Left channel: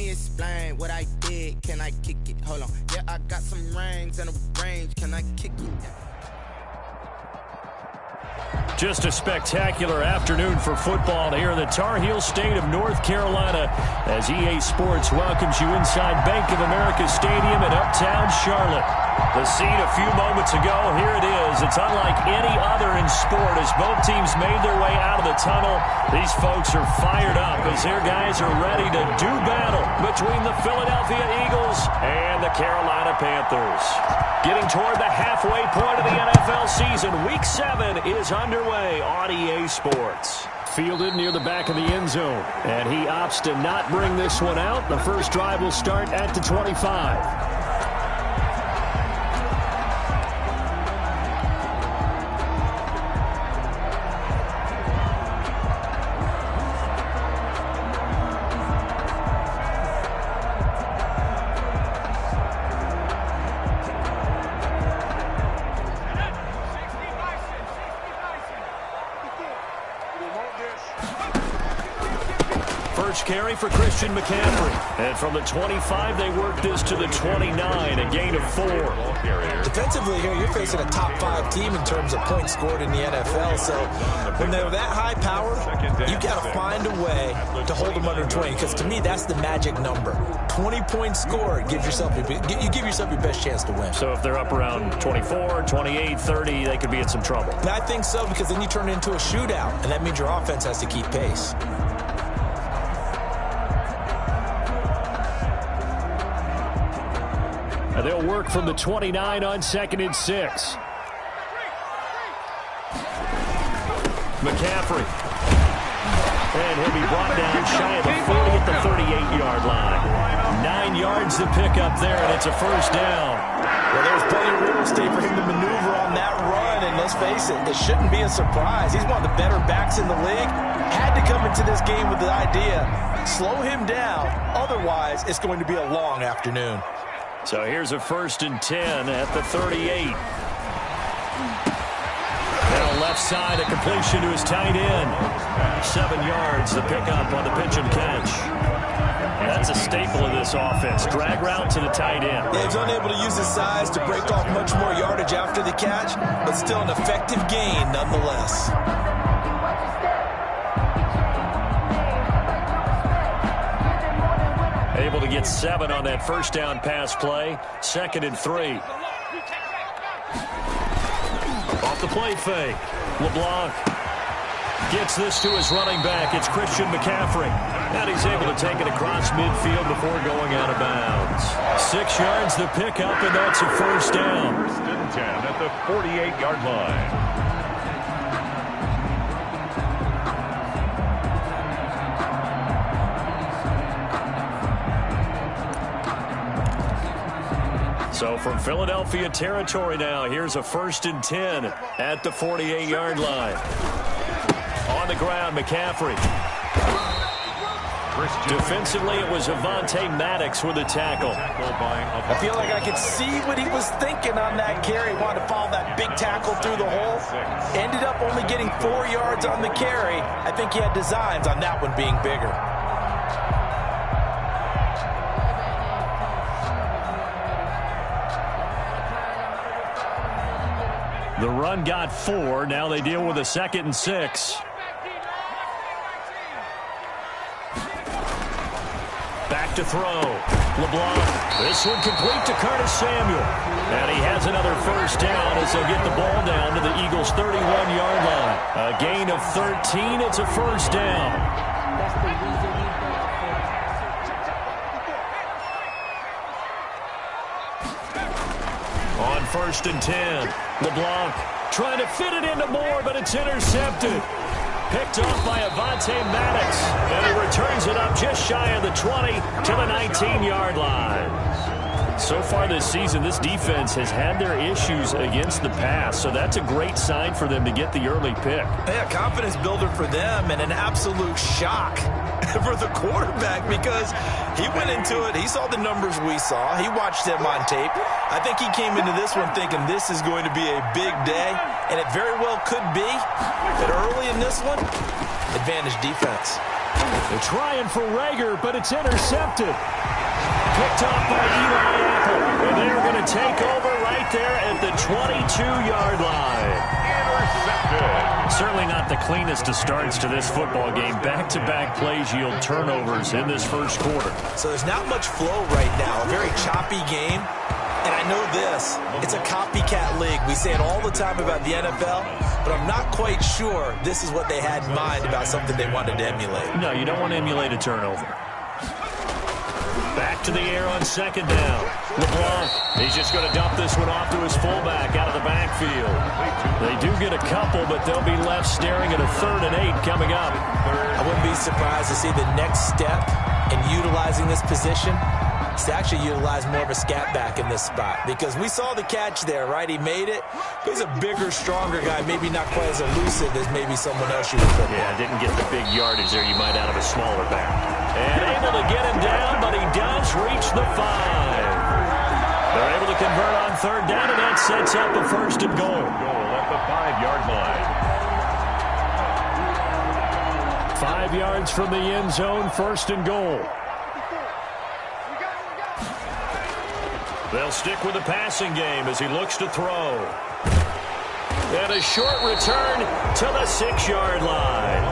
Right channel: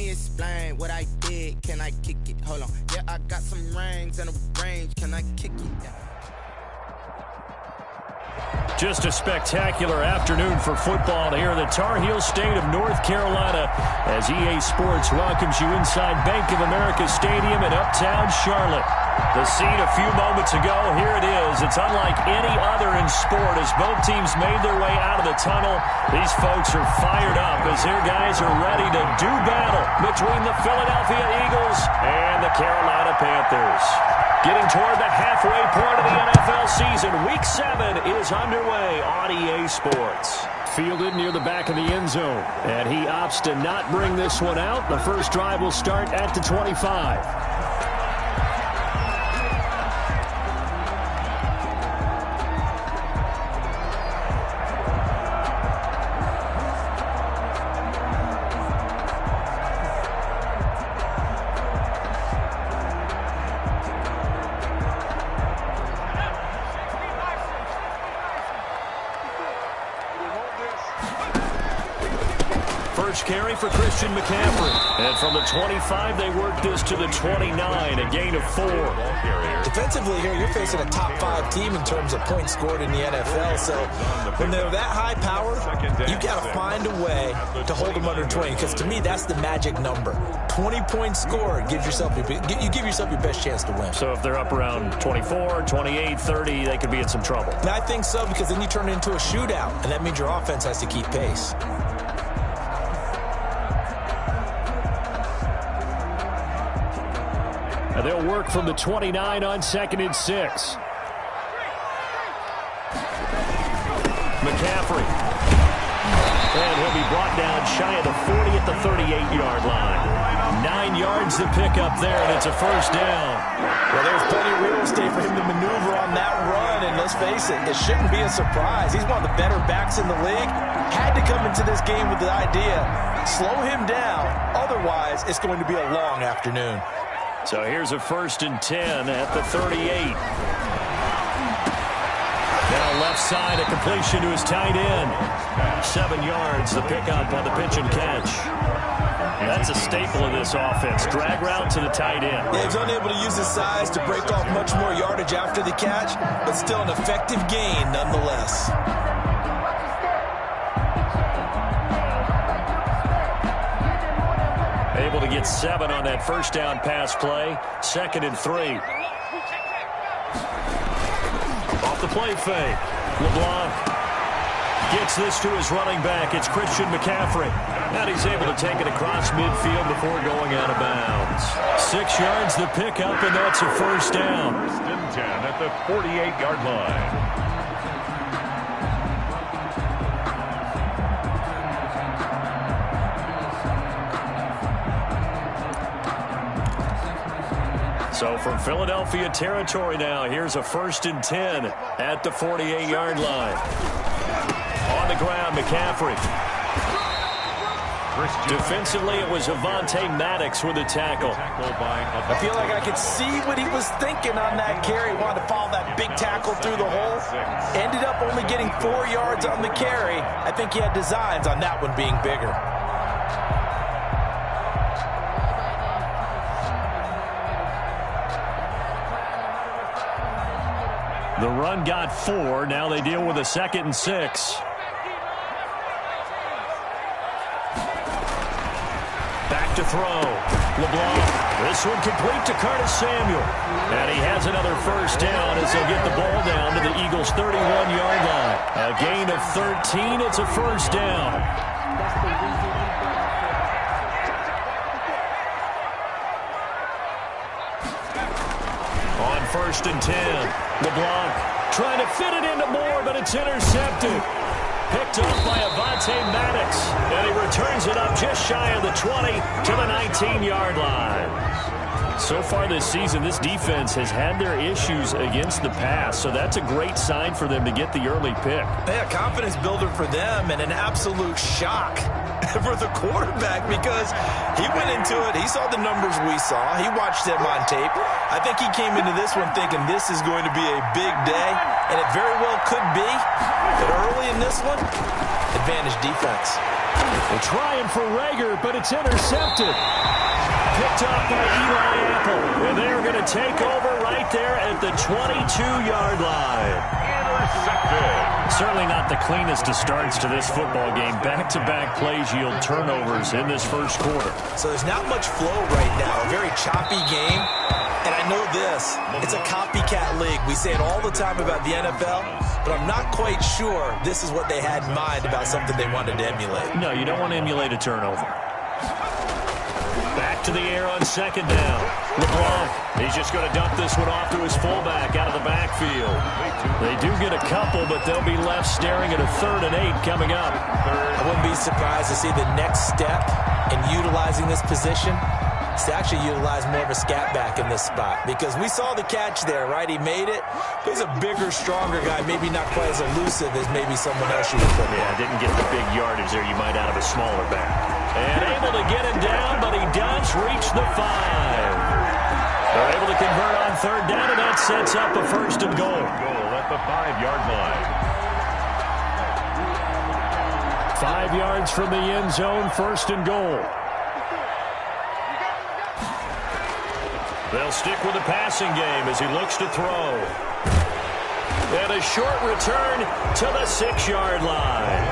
me explain what I did. Can I kick it? Hold on. Yeah, I got some rings and a range. Can I kick it? Yeah. Just a spectacular afternoon for football here in the Tar Heel state of North Carolina as EA Sports welcomes you inside Bank of America Stadium in Uptown Charlotte. The scene a few moments ago, here it is. It's unlike any other in sport as both teams made their way out of the tunnel. These folks are fired up as their guys are ready to do battle between the Philadelphia Eagles and the Carolina Panthers. Getting toward the halfway point of the NFL season, Week 7 is underway on EA Sports. Fielded near the back of the end zone, and he opts to not bring this one out. The first drive will start at the 25. First carry for Christian McCaffrey. And from the 25, they work this to the 29, a gain of 4. Defensively here, you're facing a top 5 team in terms of points scored in the NFL. So when they're that high powered, you got to find a way to hold them under 20. Because to me, that's the magic number. 20 points scored gives yourself you give yourself your best chance to win. So if they're up around 24, 28, 30, they could be in some trouble. And I think so, because then you turn it into a shootout, and that means your offense has to keep pace. They'll work from the 29 on 2nd and 6. McCaffrey. And he'll be brought down shy of the 40 at the 38-yard line. 9 yards to pick up there, and it's a first down. Well, there's plenty of real estate for him to maneuver on that run, and let's face it, it shouldn't be a surprise. He's one of the better backs in the league. Had to come into this game with the idea, slow him down, otherwise it's going to be a long afternoon. So here's a 1st and 10 at the 38. Now left side, a completion to his tight end. 7 yards, the pickup on the pitch and catch. That's a staple of this offense. Drag route to the tight end. Yeah, he's unable to use his size to break off much more yardage after the catch, but still an effective gain nonetheless. Able to get 7 on that first down pass play. 2nd and 3. Off the play fake. LeBlanc gets this to his running back. It's Christian McCaffrey. And he's able to take it across midfield before going out of bounds. 6 yards the pickup, and that's a first down. 1st and 10 at the 48-yard line. So from Philadelphia territory now, here's a 1st and 10 at the 48-yard line. On the ground, McCaffrey. Defensively, it was Avonte Maddox with a tackle. I feel like I could see what he was thinking on that carry. He wanted to follow that big tackle through the hole. Ended up only getting 4 yards on the carry. I think he had designs on that one being bigger. The run got 4. Now they deal with a 2nd and 6. Back to throw. LeBlanc. This one complete to Curtis Samuel. And he has another first down as they'll get the ball down to the Eagles' 31-yard line. A gain of 13. It's a first down. On 1st and 10, LeBlanc trying to fit it into Moore, but it's intercepted. Picked off by Avonte Maddox, and he returns it up just shy of the 20 to the 19-yard line. So far this season, this defense has had their issues against the pass, so that's a great sign for them to get the early pick. Yeah, confidence builder for them, and an absolute shock for the quarterback because he went into it. He saw the numbers we saw. He watched them on tape. I think he came into this one thinking this is going to be a big day, and it very well could be. But early in this one, advantage defense. They're trying for Rager, but it's intercepted. Picked off by Eli Apple. And they're going to take over right there at the 22-yard line. Intercepted. Certainly not the cleanest of starts to this football game. Back-to-back plays yield turnovers in this first quarter. So there's not much flow right now. A very choppy game. And I know this, it's a copycat league. We say it all the time about the NFL, but I'm not quite sure this is what they had in mind about something they wanted to emulate. No, you don't want to emulate a turnover. Back to the air on second down. LeBlanc, he's just going to dump this one off to his fullback out of the backfield. They do get a couple, but they'll be left staring at a 3rd and 8 coming up. I wouldn't be surprised to see the next step in utilizing this position is to actually utilize more of a scat back in this spot, because we saw the catch there, right? He made it, but he's a bigger, stronger guy, maybe not quite as elusive as maybe someone else you would put. Yeah, didn't get the big yardage there you might out of a smaller back. And able to get him down, but he does reach the 5. They're able to convert on 3rd down, and that sets up a 1st and goal. Goal at the 5-yard line. 5 yards from the end zone, 1st and goal. They'll stick with the passing game as he looks to throw. And a short return to the 6-yard line.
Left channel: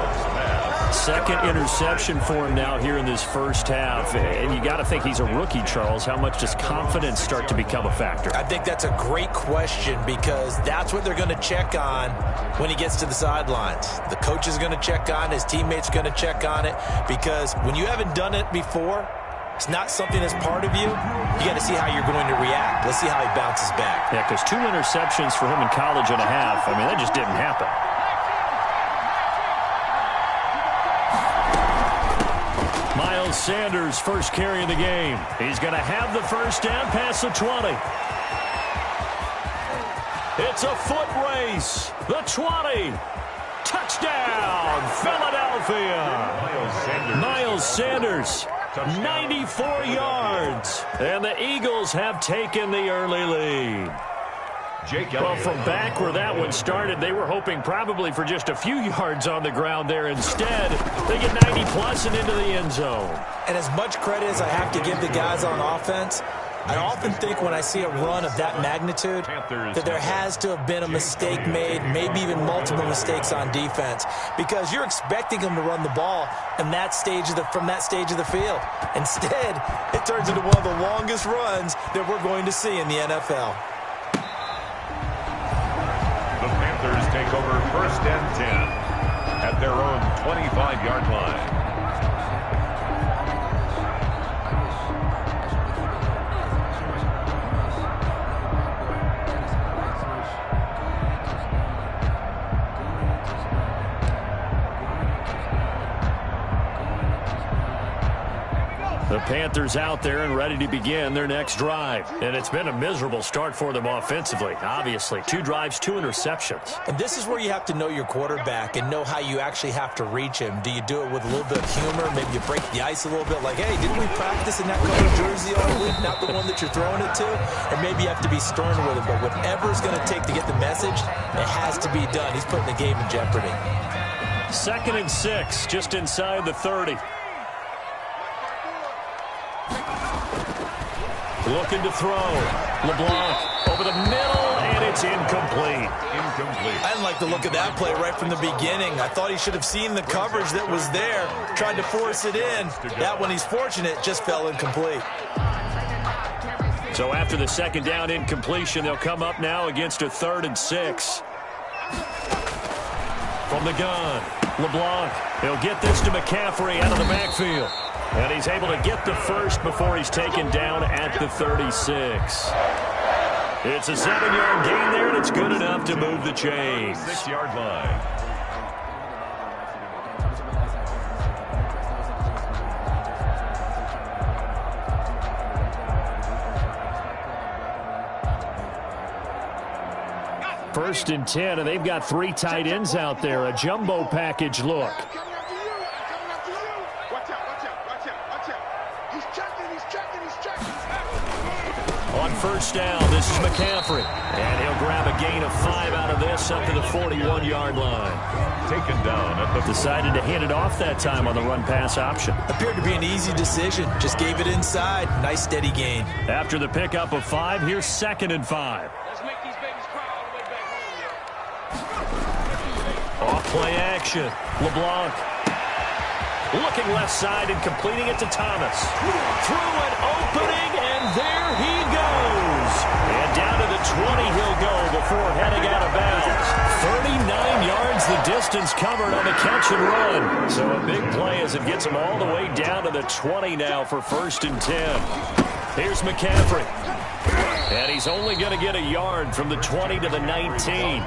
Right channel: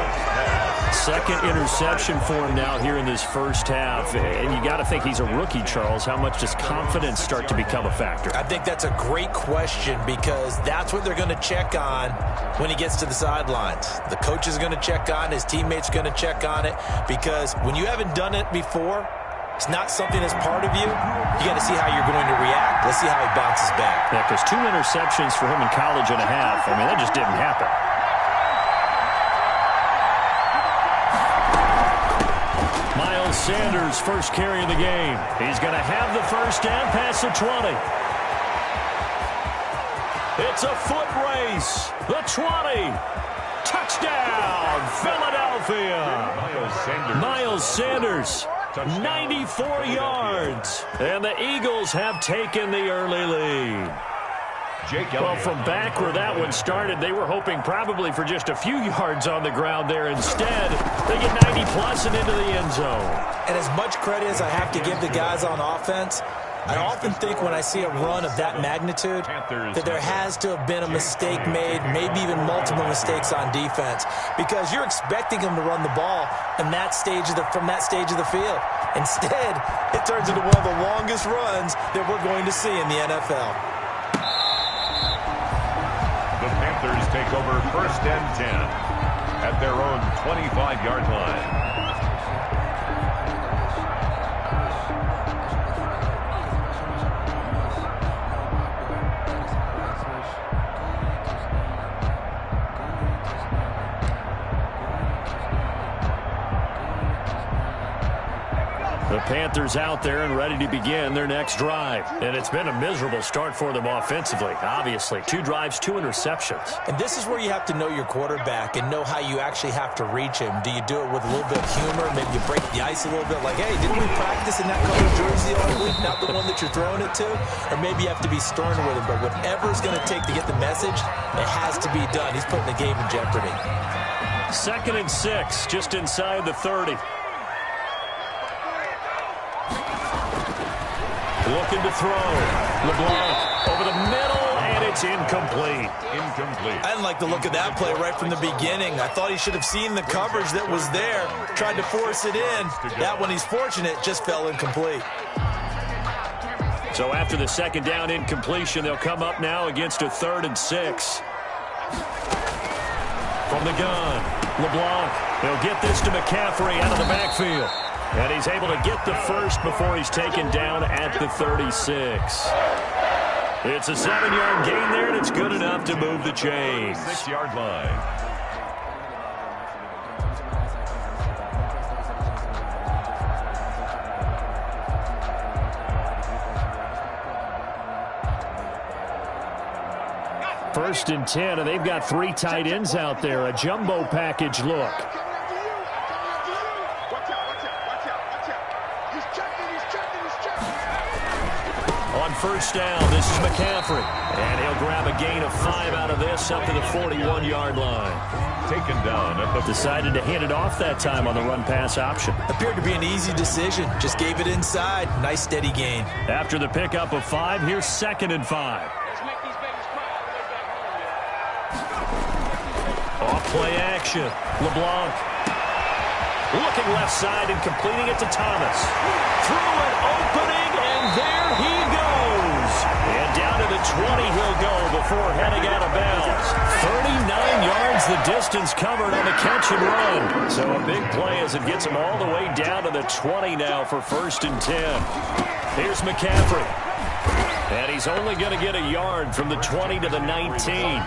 Second interception for him now here in this first half. And you got to think he's a rookie, Charles. How much does confidence start to become a factor? I think that's a great question, because that's what they're going to check on when he gets to the sidelines. The coach is going to check on, his teammates are going to check on it, because when you haven't done it before, it's not something that's part of you. You got to see how you're going to react. Let's see how he bounces back. Yeah, because 2 interceptions for him in college and a half. I mean, that just didn't happen. Miles Sanders, first carry of the game. He's going to have the first down past the 20. It's a foot race. The 20. Touchdown, Philadelphia. Miles Sanders. 94 yards. And the Eagles have taken the early lead. Well, from back where that one started, they were hoping probably for just a few yards on the ground there. Instead, they get 90-plus and into the end zone. And as much credit as I have to give the guys on offense, I often think when I see a run of that magnitude that there has to have been a mistake made, maybe even multiple mistakes on defense, because you're expecting them to run the ball from that stage of the field. Instead, it turns into one of the longest runs that we're going to see in the NFL. The Panthers take over 1st and 10 at their own 25-yard line. The Panthers out there and ready to begin their next drive. And it's been a miserable start for them offensively, obviously. 2 drives, 2 interceptions. And this is where you have to know your quarterback and know how you actually have to reach him. Do you do it with a little bit of humor? Maybe you break the ice a little bit, like, hey, didn't we practice in that color jersey all week, not the one that you're throwing it to? Or maybe you have to be stern with him. But whatever it's going to take to get the message, it has to be done. He's putting the game in jeopardy. 2nd and 6, just inside the 30. Looking to throw. LeBlanc over the middle, and it's incomplete. I didn't like the look of that play right from the beginning. I thought he should have seen the coverage that was there, tried to force it in. That one, he's fortunate, just fell incomplete. So after the 2nd down incompletion, they'll come up now against a 3rd and 6. From the gun, LeBlanc. He'll get this to McCaffrey out of the backfield. And he's able to get the first before he's taken down at the 36. It's a 7-yard gain there, and it's good enough to move the chains. 6-yard line. First and 10, and they've got 3 tight ends out there. A jumbo package look. On first down, this is McCaffrey. And he'll grab a gain of 5 out of this up to the 41-yard line. Taken down at the... Decided to hand it off that time on the run-pass option. Appeared to be an easy decision. Just gave it inside. Nice steady gain. After the pickup of 5, here's 2nd and 5. Let's make these babies cry all the way back home, Off play action. LeBlanc. Looking left side and completing it to Thomas. Through an opening, and there he goes. And down to the 20 he'll go before heading out of bounds. 39 yards the distance covered on the catch and run. So a big play as it gets him all the way down to the 20 now for 1st and 10. Here's McCaffrey. And he's only going to get a yard from the 20 to the 19.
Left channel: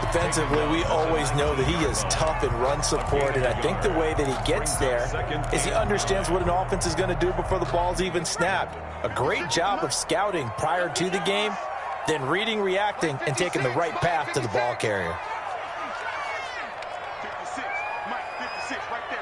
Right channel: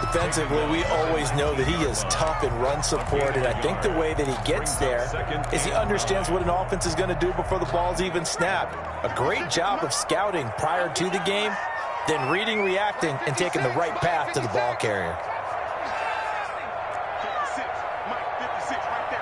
Defensively, we always know that he is tough in run support, and I think the way that he gets there is he understands what an offense is going to do before the ball's even snapped. A great job of scouting prior to the game, then reading, reacting, and taking the right path to the ball carrier. 56, Mike, 56, right there.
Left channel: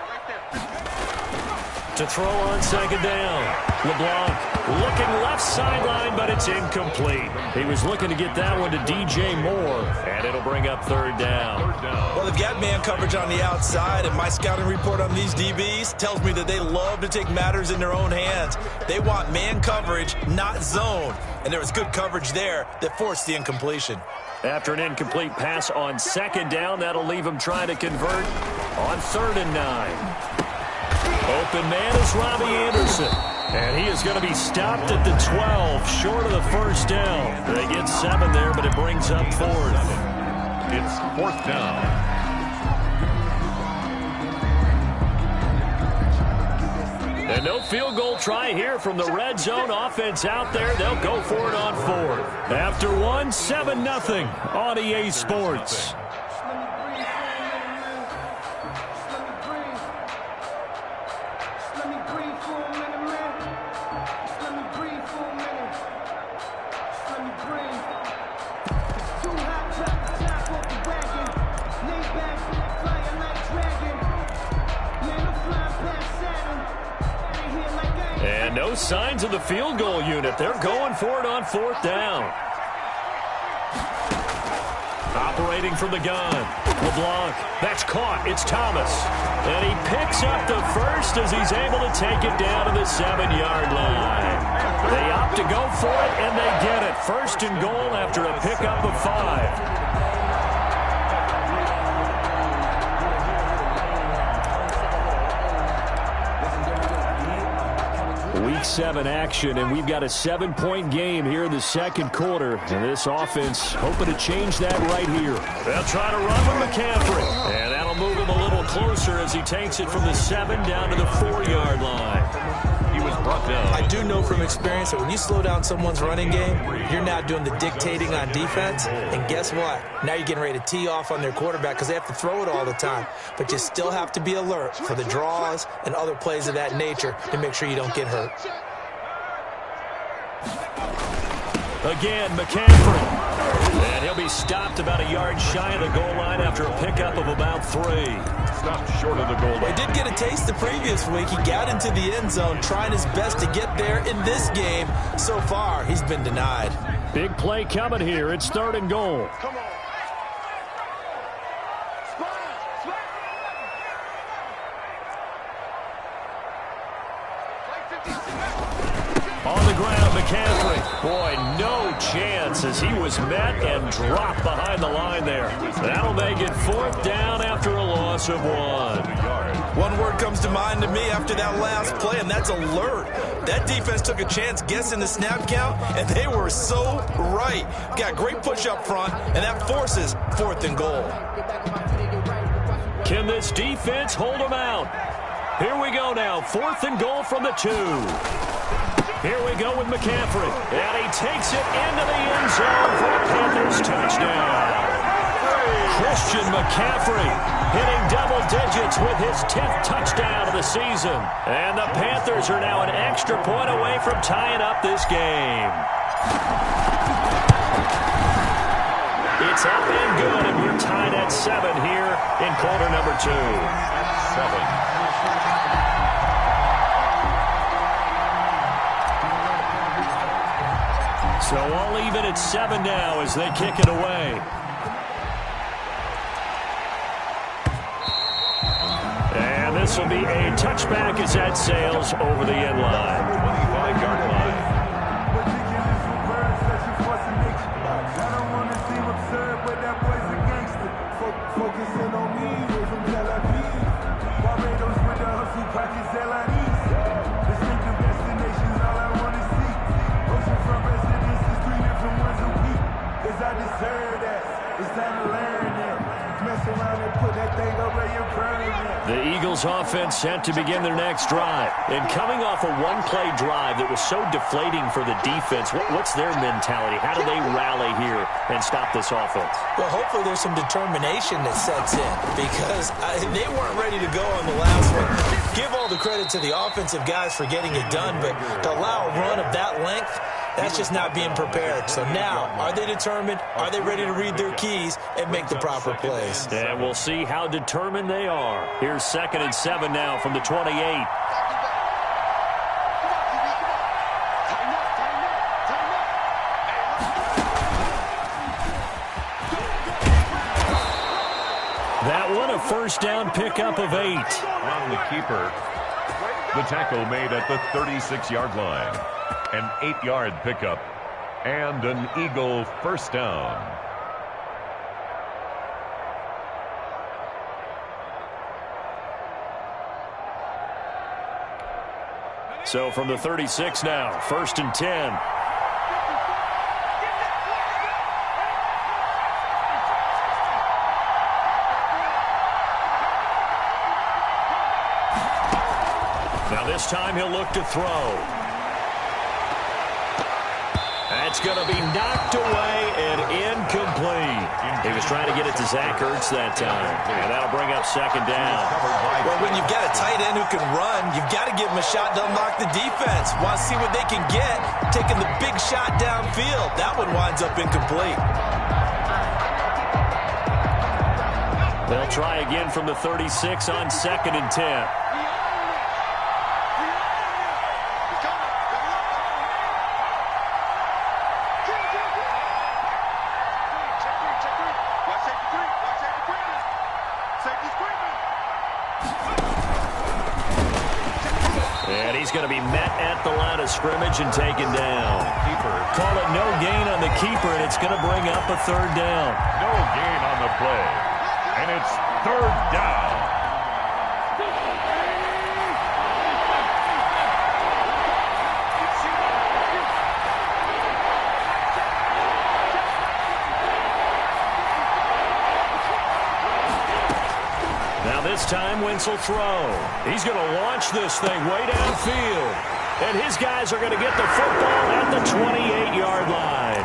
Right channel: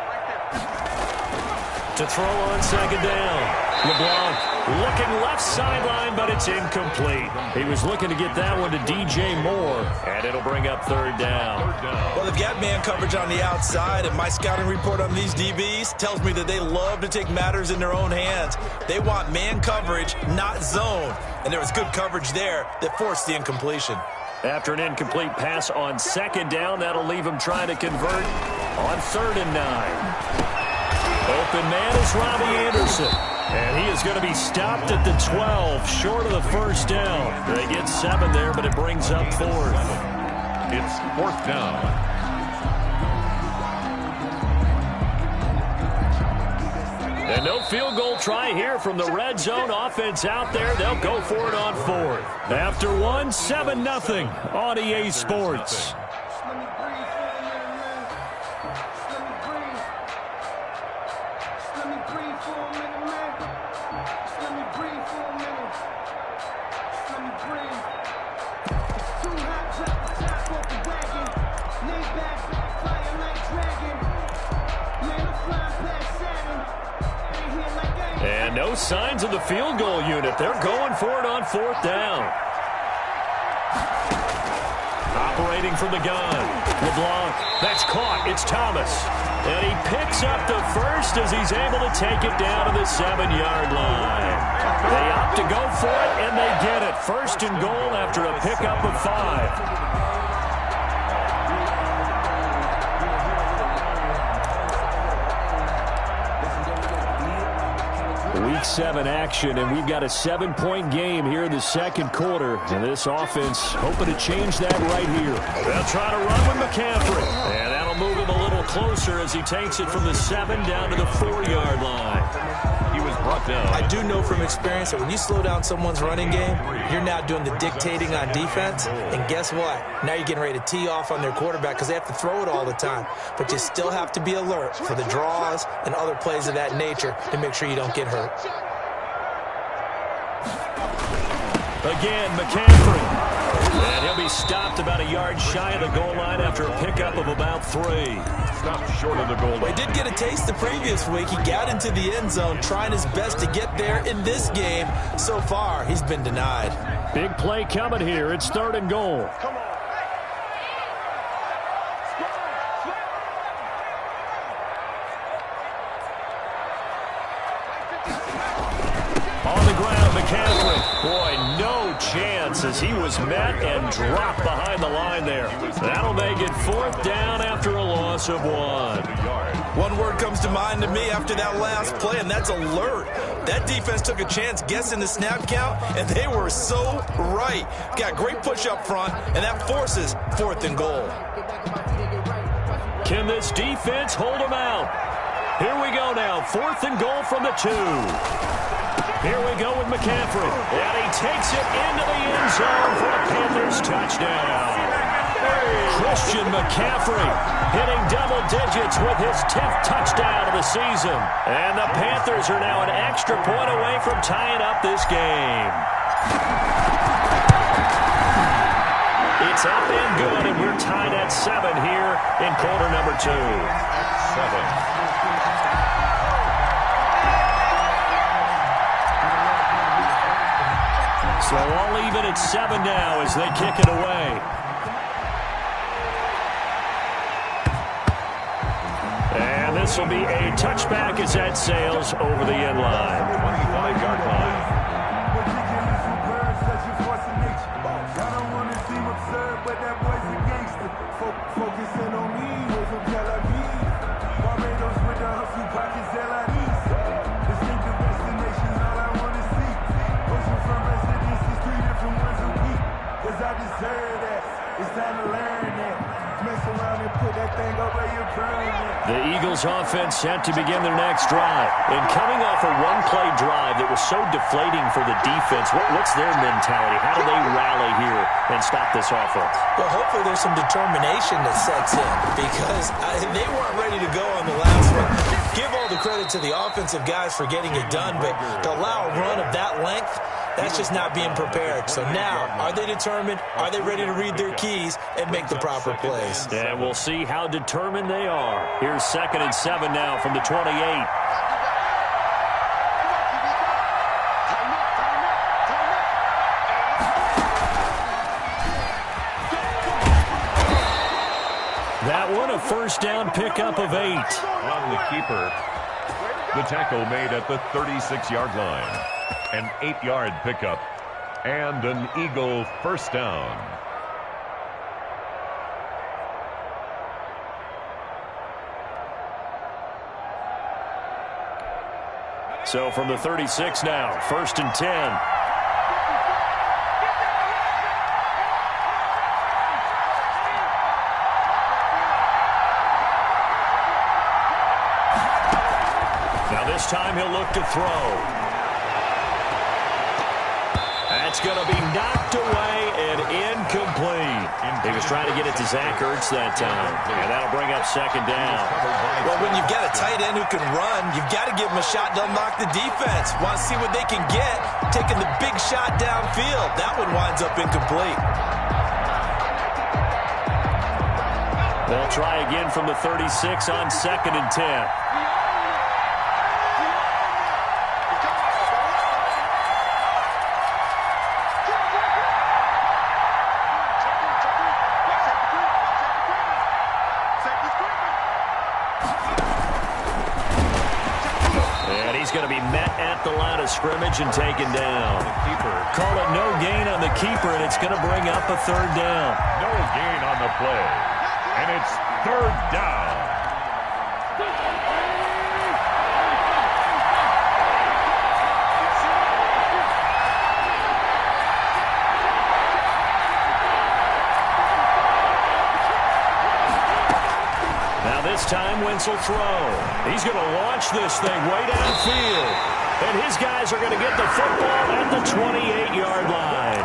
To throw on 2nd down. LeBlanc looking left sideline, but it's incomplete. He was looking to get that one to DJ Moore, and it'll bring up 3rd down. Well, they've got man coverage on the outside, and my scouting report on these DBs tells me that they love to take matters in their own hands. They want man coverage, not zone, and there was good coverage there that forced the incompletion. After an incomplete pass on 2nd down, that'll leave him trying to convert on 3rd and 9. Open man is Robbie Anderson. And he is going to be stopped at the 12, short of the 1st down. They get 7 there, but it brings up 4th. It's 4th down. And no field goal try here from the red zone offense out there. They'll go for it on 4th. After 1, 7-0 on EA Sports. And no signs of the field goal unit. They're going for it on 4th down. Operating from the gun. LeBlanc. That's caught. It's Thomas. And he picks up the 1st as he's able to take it down to the 7-yard line. They opt to go for it, and they get it. 1st and goal after a pickup of 5. Week 7 action, and we've got a 7-point game here in the 2nd quarter. And this offense hoping to change that right here. They'll try to run with McCaffrey. And that'll move him a little closer as he takes it from the 7 down to the 4-yard line. He was brought down. I do know from experience that when you slow down someone's running game, you're now doing the dictating on defense. And guess what? Now you're getting ready to tee off on their quarterback because they have to throw it all the time. But you still have to be alert for the draws and other plays of that nature to make sure you don't get hurt. Again, McCaffrey. And he'll be stopped about a yard shy of the goal line after a pickup of about 3. Stopped short of the goal line. Well, he did get a taste the previous week. He got into the end zone, trying his best to get there in this game. So far, he's been denied. Big play coming here. It's 3rd and goal. Come on. On the ground, McCaffrey. Boy, no chance as he was met and dropped behind the line there. That'll make it 4th down after a loss of 1. One word comes to mind to me after that last play, and that's alert. That defense took a chance guessing the snap count, and they were so right. Got great push up front, and that forces 4th and goal. Can this defense hold them out? Here we go now. 4th and goal from the 2. Here we go with McCaffrey. And he takes it into the end zone for a Panthers touchdown. Christian McCaffrey hitting double digits with his 10th touchdown of the season. And the Panthers are now an extra point away from tying up this game. It's up and good, and we're tied at 7 here in quarter number 2. 7. So all even at 7 now as they kick it away. And this will be a touchback as that sails over the end line. 25-yard line. I don't want to seem absurd, but that boy's a gangster. Focusing on me, way from Tel Aviv. Barbados with the hustle pockets, LIDs. Distinctive destinations, all I want to see. Oceanfront residences, 3 different ones a week. Cause I deserve that. It's time to learn that. Mess around and put that thing over your permit. The Eagles offense set to begin their next drive. And coming off a one-play drive that was so deflating for the defense, what's their mentality? How do they rally here and stop this offense? Well, hopefully there's some determination that sets in because they weren't ready to go on the last one. Give all the credit to the offensive guys for getting it done, but to allow a run of that length, that's just not being prepared. So now, are they determined? Are they ready to read their keys and make the proper plays? And we'll see how determined they are. Here's 2nd and 7 now from the 28. That one a first down pickup of 8. On the keeper. The tackle made at the 36-yard line. An 8-yard pickup. And an Eagle first down. So from the 36 now, 1st and 10. Now this time he'll look to throw. That's going to be knocked away and incomplete. He was trying to get it to Zach Ertz that time. And that'll bring up 2nd down. Well, when you've got a tight end who can run, you've got to give him a shot to unlock the defense. Want to see what they can get, taking the big shot downfield. That one winds up incomplete. They'll try again from the 36 on 2nd and 10. And he's going to be met at the line of scrimmage and taken down. Call it no gain on the keeper, and it's going to bring up a 3rd down. No gain on the play. And it's 3rd down. This time, Wentz will throw. He's going to launch this thing way downfield. And his guys are going to get the football at the 28-yard line.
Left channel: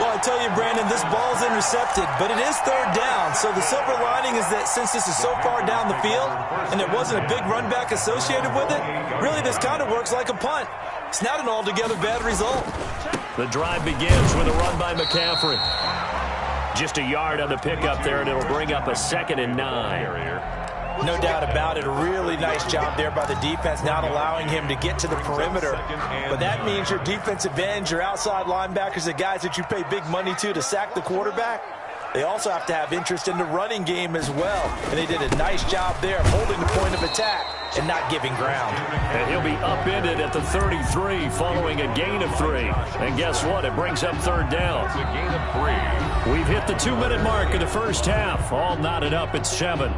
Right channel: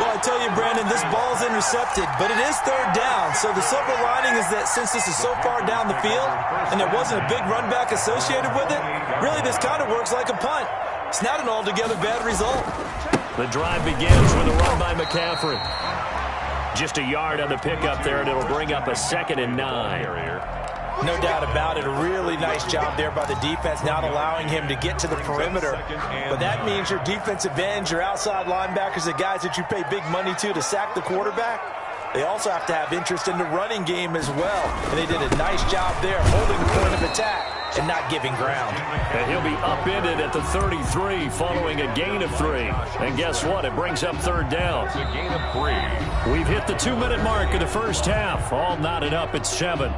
Well, I tell you, Brandon, this ball's intercepted, but it is 3rd down. So the silver lining is that since this is so far down the field and there wasn't a big run back associated with it, really this kind of works like a punt. It's not an altogether bad result. The drive begins with a run by McCaffrey. Just a yard on the pickup there, and it'll bring up a 2nd and 9. No doubt about it. A really nice job there by the defense, not allowing him to get to the perimeter. But that means your defensive ends, your outside linebackers, the guys that you pay big money to sack the quarterback, they also have to have interest in the running game as well. And they did a nice job there holding the point of attack and not giving ground. And he'll be upended at the 33 following a gain of 3. And guess what? It brings up 3rd down. It's a gain of 3. We've hit the 2-minute mark of the first half. All knotted up at 7.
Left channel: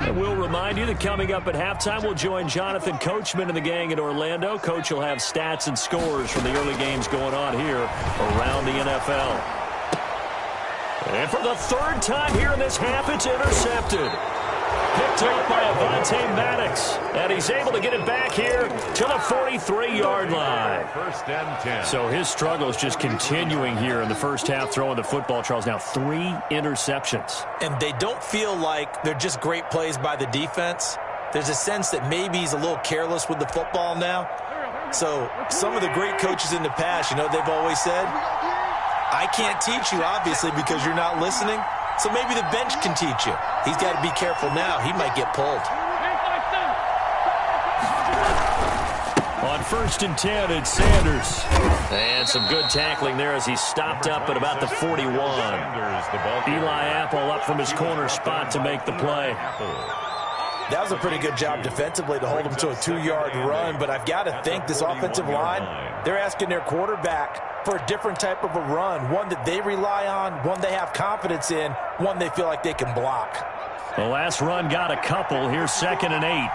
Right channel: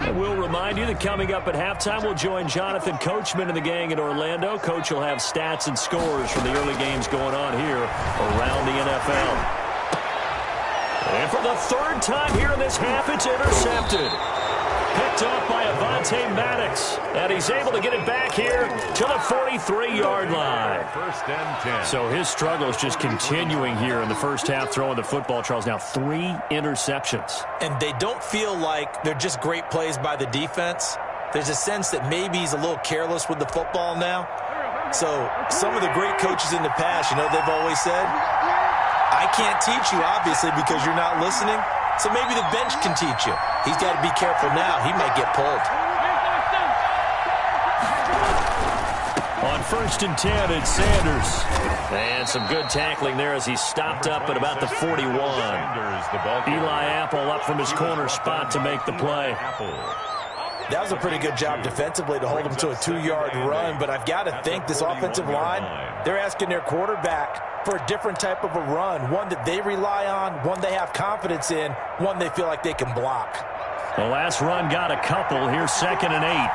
And we'll remind you that coming up at halftime, we'll join Jonathan Coachman and the gang in Orlando. Coach will have stats and scores from the early games going on here around the NFL. And for the 3rd time here in this half, it's intercepted. Picked up by Avonte Maddox. And he's able to get it back here to the 43-yard line. 1st and 10. So his struggle is just continuing here in the first half, throwing the football, Charles. Now 3 interceptions. And they don't feel like they're just great plays by the defense. There's a sense that maybe he's a little careless with the football now. So some of the great coaches in the past, you know, they've always said, I can't teach you, obviously, because you're not listening. So maybe the bench can teach you. He's got to be careful now. He might get pulled. On 1st and 10, it's Sanders. And some good tackling there as he stopped up at about the 41. Eli Apple up from his corner spot to make the play. That was a pretty good job defensively to hold him to a 2-yard run, but I've got to think this offensive line, they're asking their quarterback for a different type of a run, one that they rely on, one they have confidence in, one they feel like they can block. The last run got a couple. Here's 2nd and 8.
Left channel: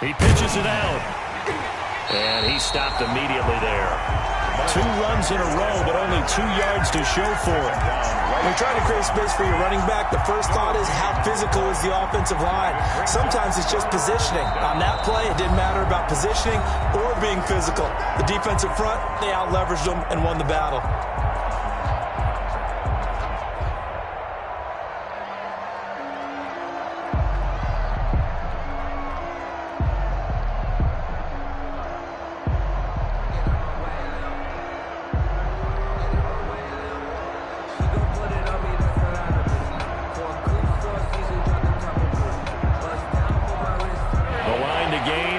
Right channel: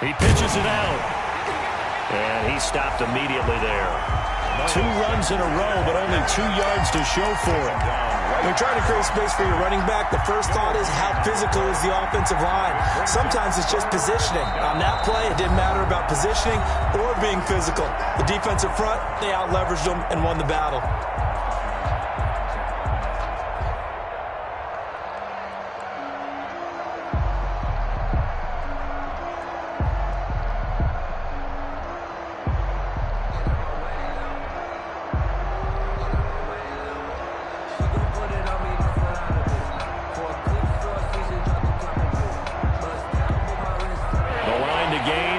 He pitches it out. And he stopped immediately there. 2 runs in a row, but only 2 yards to show for it. When you're trying to create space for your running back, the first thought is how physical is the offensive line. Sometimes it's just positioning. On that play, it didn't matter about positioning or being physical. The defensive front, they out-leveraged them and won the battle.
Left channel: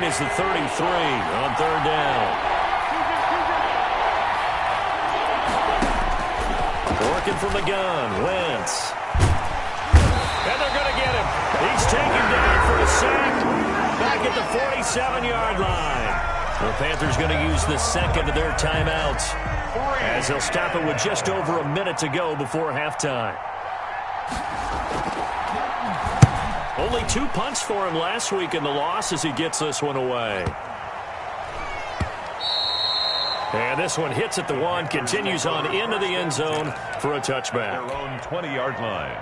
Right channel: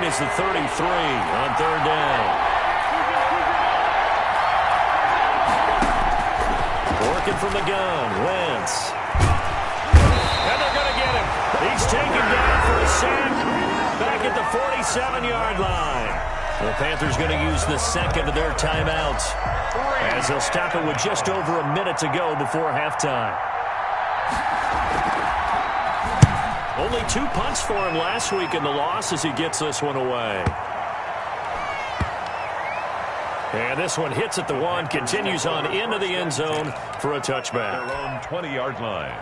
The 33 on 3rd down. Working from the gun, Wentz. And they're going to get him. He's taken down for a sack back at the 47-yard line. The Panthers going to use the second of their timeouts as they'll stop it with just over a minute to go before halftime. Only 2 punts for him last week in the loss as he gets this one away. And this one hits at the 1, continues on into the end zone for a touchback. Their own 20-yard line.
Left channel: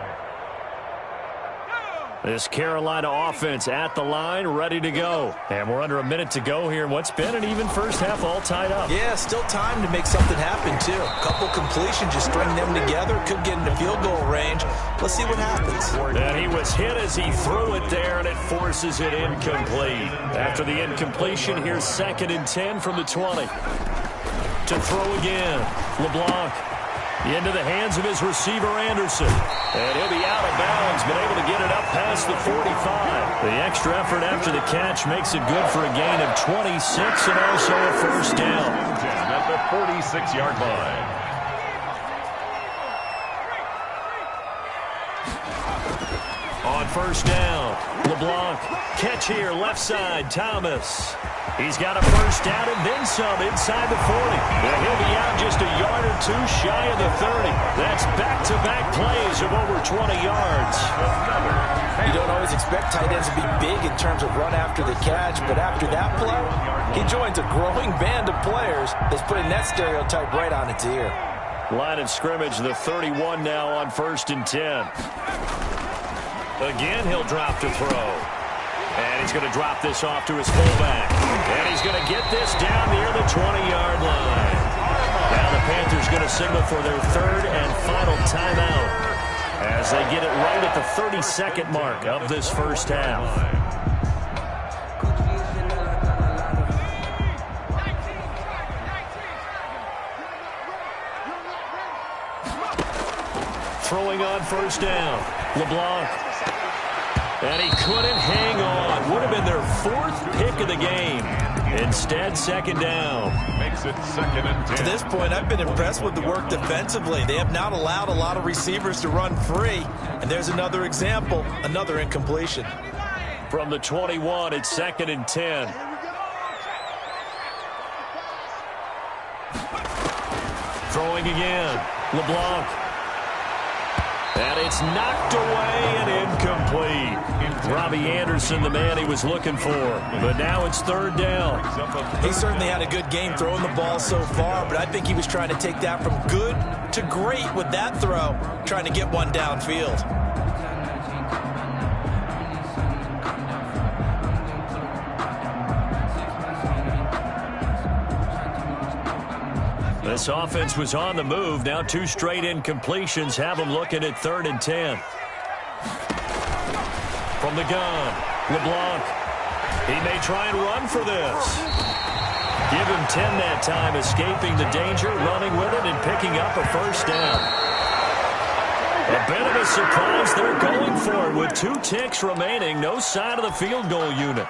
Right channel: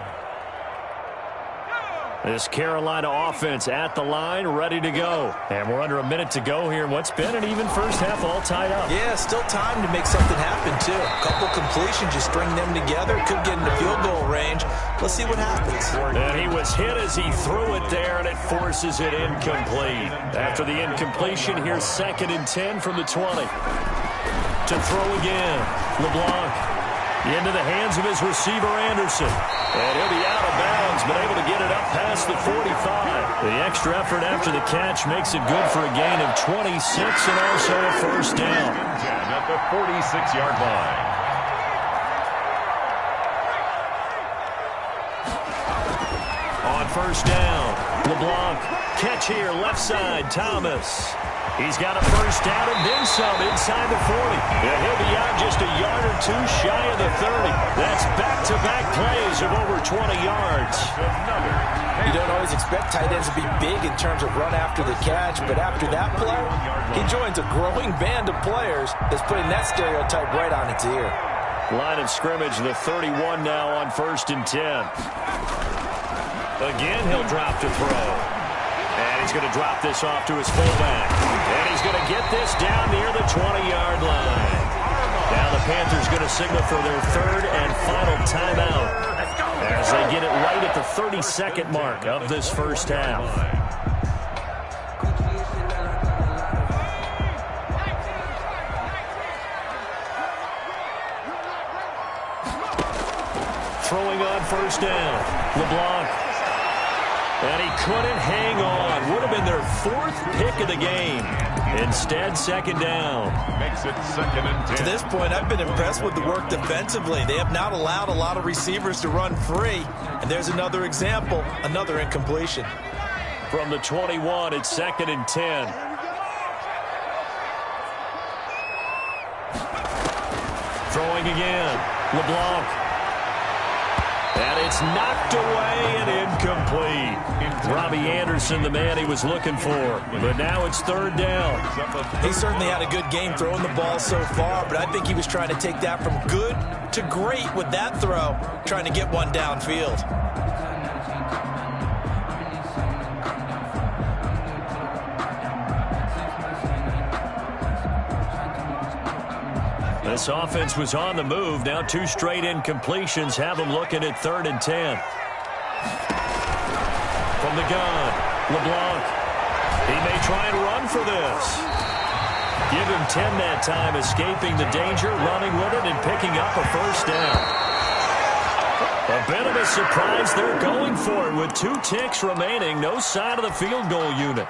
This Carolina offense at the line, ready to go. And we're under a minute to go here in what's been an even first half, all tied up. Yeah, still time to make something happen, too. A couple completions, just string them together. Could get into field goal range. Let's see what happens. And he was hit as he threw it there, and it forces it incomplete. After the incompletion, here's 2nd and 10 from the 20. To throw again, LeBlanc. Into the hands of his receiver, Anderson. And he'll be out of bounds, but able to get it up past the 45. The extra effort after the catch makes it good for a gain of 26 and also a first down. 10 at the 46-yard line. On 1st down, LeBlanc. Catch here, left side, Thomas. He's got a first down and then some inside the 40. And he'll be out just a yard or 2 shy of the 30. That's back-to-back plays of over 20 yards. You don't always expect tight ends to be big in terms of run after the catch, but after that play, he joins a growing band of players that's putting that stereotype right on its ear. Line of scrimmage, the 31 now on 1st and 10. Again, he'll drop to throw. And he's going to drop this off to his fullback. And he's going to get this down near the 20-yard line. Now the Panthers going to signal for their 3rd and final timeout as they get it right at the 32nd mark of this first half. Throwing on 1st down, LeBlanc. And he couldn't hang on. Would have been their 4th pick of the game. Instead, 2nd down. Makes it 2nd and 10. To this point, I've been impressed with the work defensively. They have not allowed a lot of receivers to run free. And there's another example, another incompletion. From the 21, it's 2nd and 10. Throwing again, LeBlanc. And it's knocked away and incomplete. Robbie Anderson, the man he was looking for. But now it's 3rd down. He certainly had a good game throwing the ball so far, but I think he was trying to take that from good to great with that throw, trying to get one downfield. This offense was on the move. Now 2 straight incompletions have them looking at 3rd and 10. From the gun, LeBlanc. He may try and run for this. Give him 10 that time, escaping the danger, running with it, and picking up a first down. A bit of a surprise. They're going for it with 2 ticks remaining. No sign of the field goal unit.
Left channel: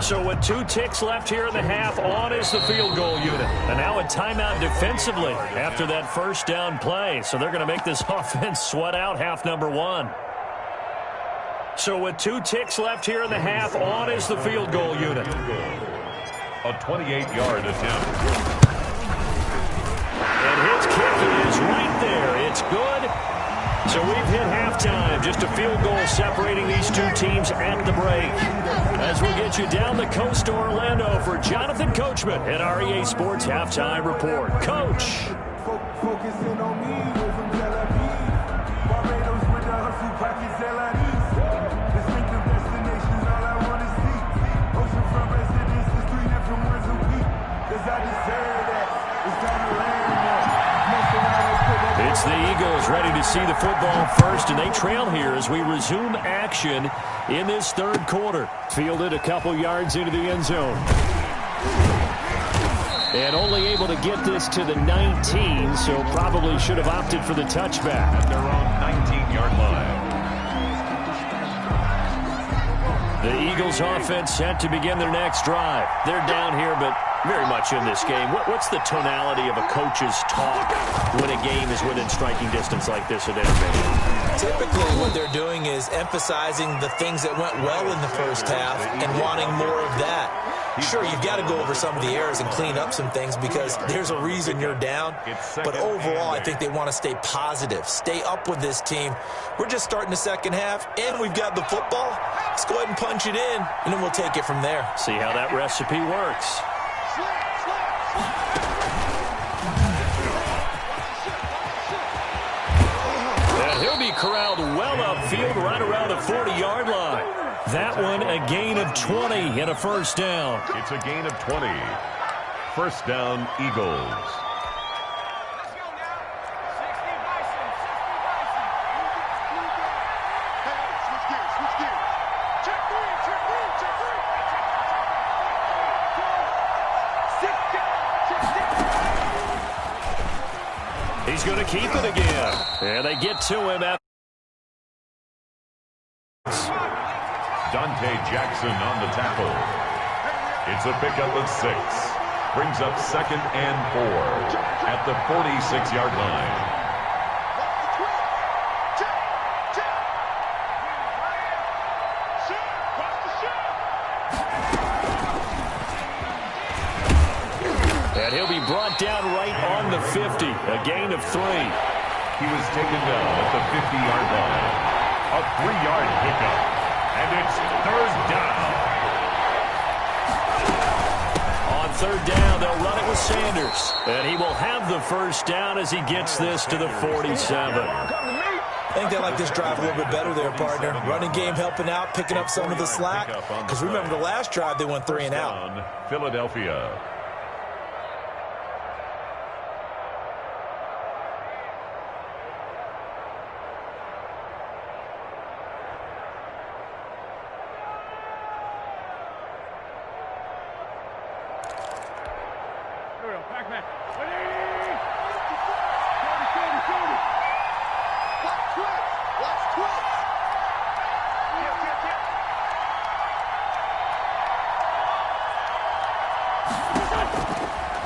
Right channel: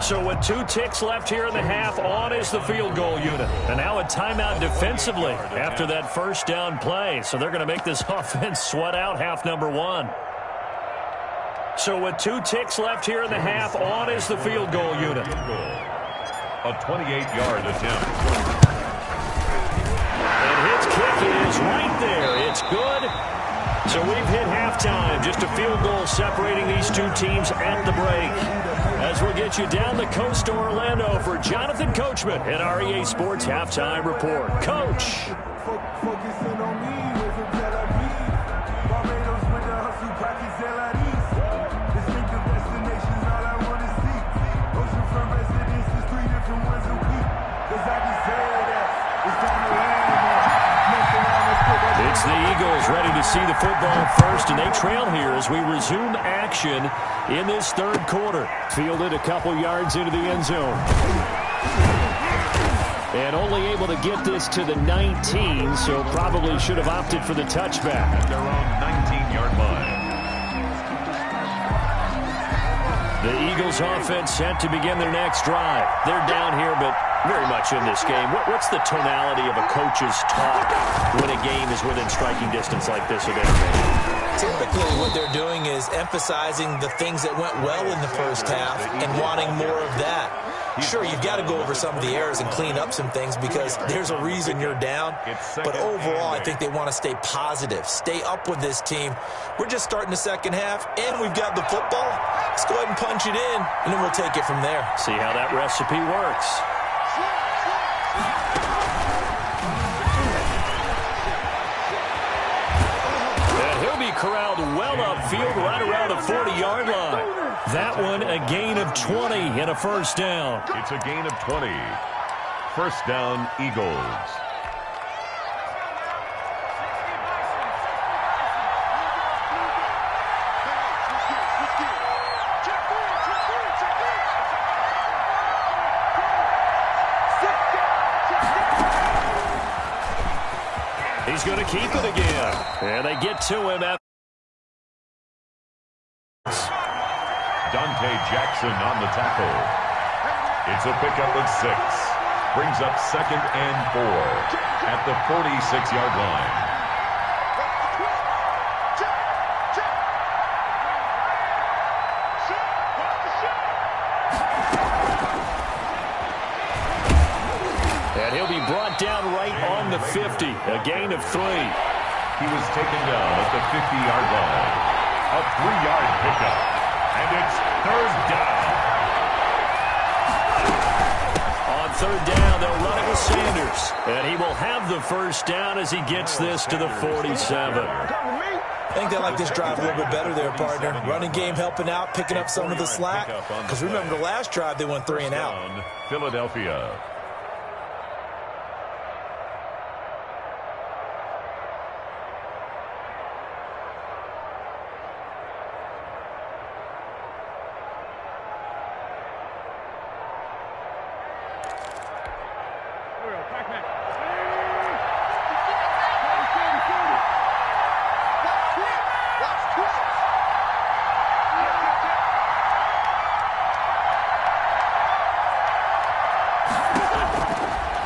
So with 2 ticks left here in the half, on is the field goal unit. And now a timeout defensively after that first down play. So they're going to make this offense sweat out half number 1. So with 2 ticks left here in the half, on is the field goal unit. A 28-yard attempt. And his kick is right there. It's good. So we've hit halftime. Just a field goal separating these 2 teams at the break. As we'll get you down the coast to Orlando for Jonathan Coachman at our EA Sports Halftime Report. Coach. Focusing on me, way from Tel Aviv. Barbados with the hustle pockets, LIDs. Distinctive destinations, all I want to see. Oceanfront residences, 3 different ones a week. Cause I deserve that. It's time to land there. It's the Eagles ready to see the football first, and they trail here as we resume action in this 3rd quarter. Fielded a couple yards into the end zone. And only able to get this to the 19, so probably should have opted for the touchback. At their own 19-yard line. The Eagles offense set to begin their next drive. They're down here, but very much in this game. What's the tonality of a coach's talk when a game is within striking distance like this at intermission? Typically what they're doing is emphasizing the things that went well in the first half and wanting more of that. Sure, you've got to go over some of the errors and clean up some things because there's a reason you're down. But overall, I think they want to stay positive, stay up with this team. We're just starting the second half, and we've got the football. Let's go ahead and punch it in, and then we'll take it from there. See how that recipe works. And he'll be corralled well upfield right around the 40-yard line. That one a gain of 20 and a first down. It's a gain of 20. First down, Eagles. He's going to keep it again. And they get to him after. Dante Jackson on the tackle. It's a pickup of 6. Brings up 2nd and 4 at the 46-yard line. And he'll be brought down right on the 50. A gain of 3. He was taken down at the 50-yard line. A 3-yard pickup. And it's 3rd down. On 3rd down, they'll run it with Sanders. And he will have the first down as he gets this to the 47. I think they like this drive a little bit better there, partner. Running game helping out, picking up some of the slack. Because remember, the last drive they went 3 and out. Philadelphia.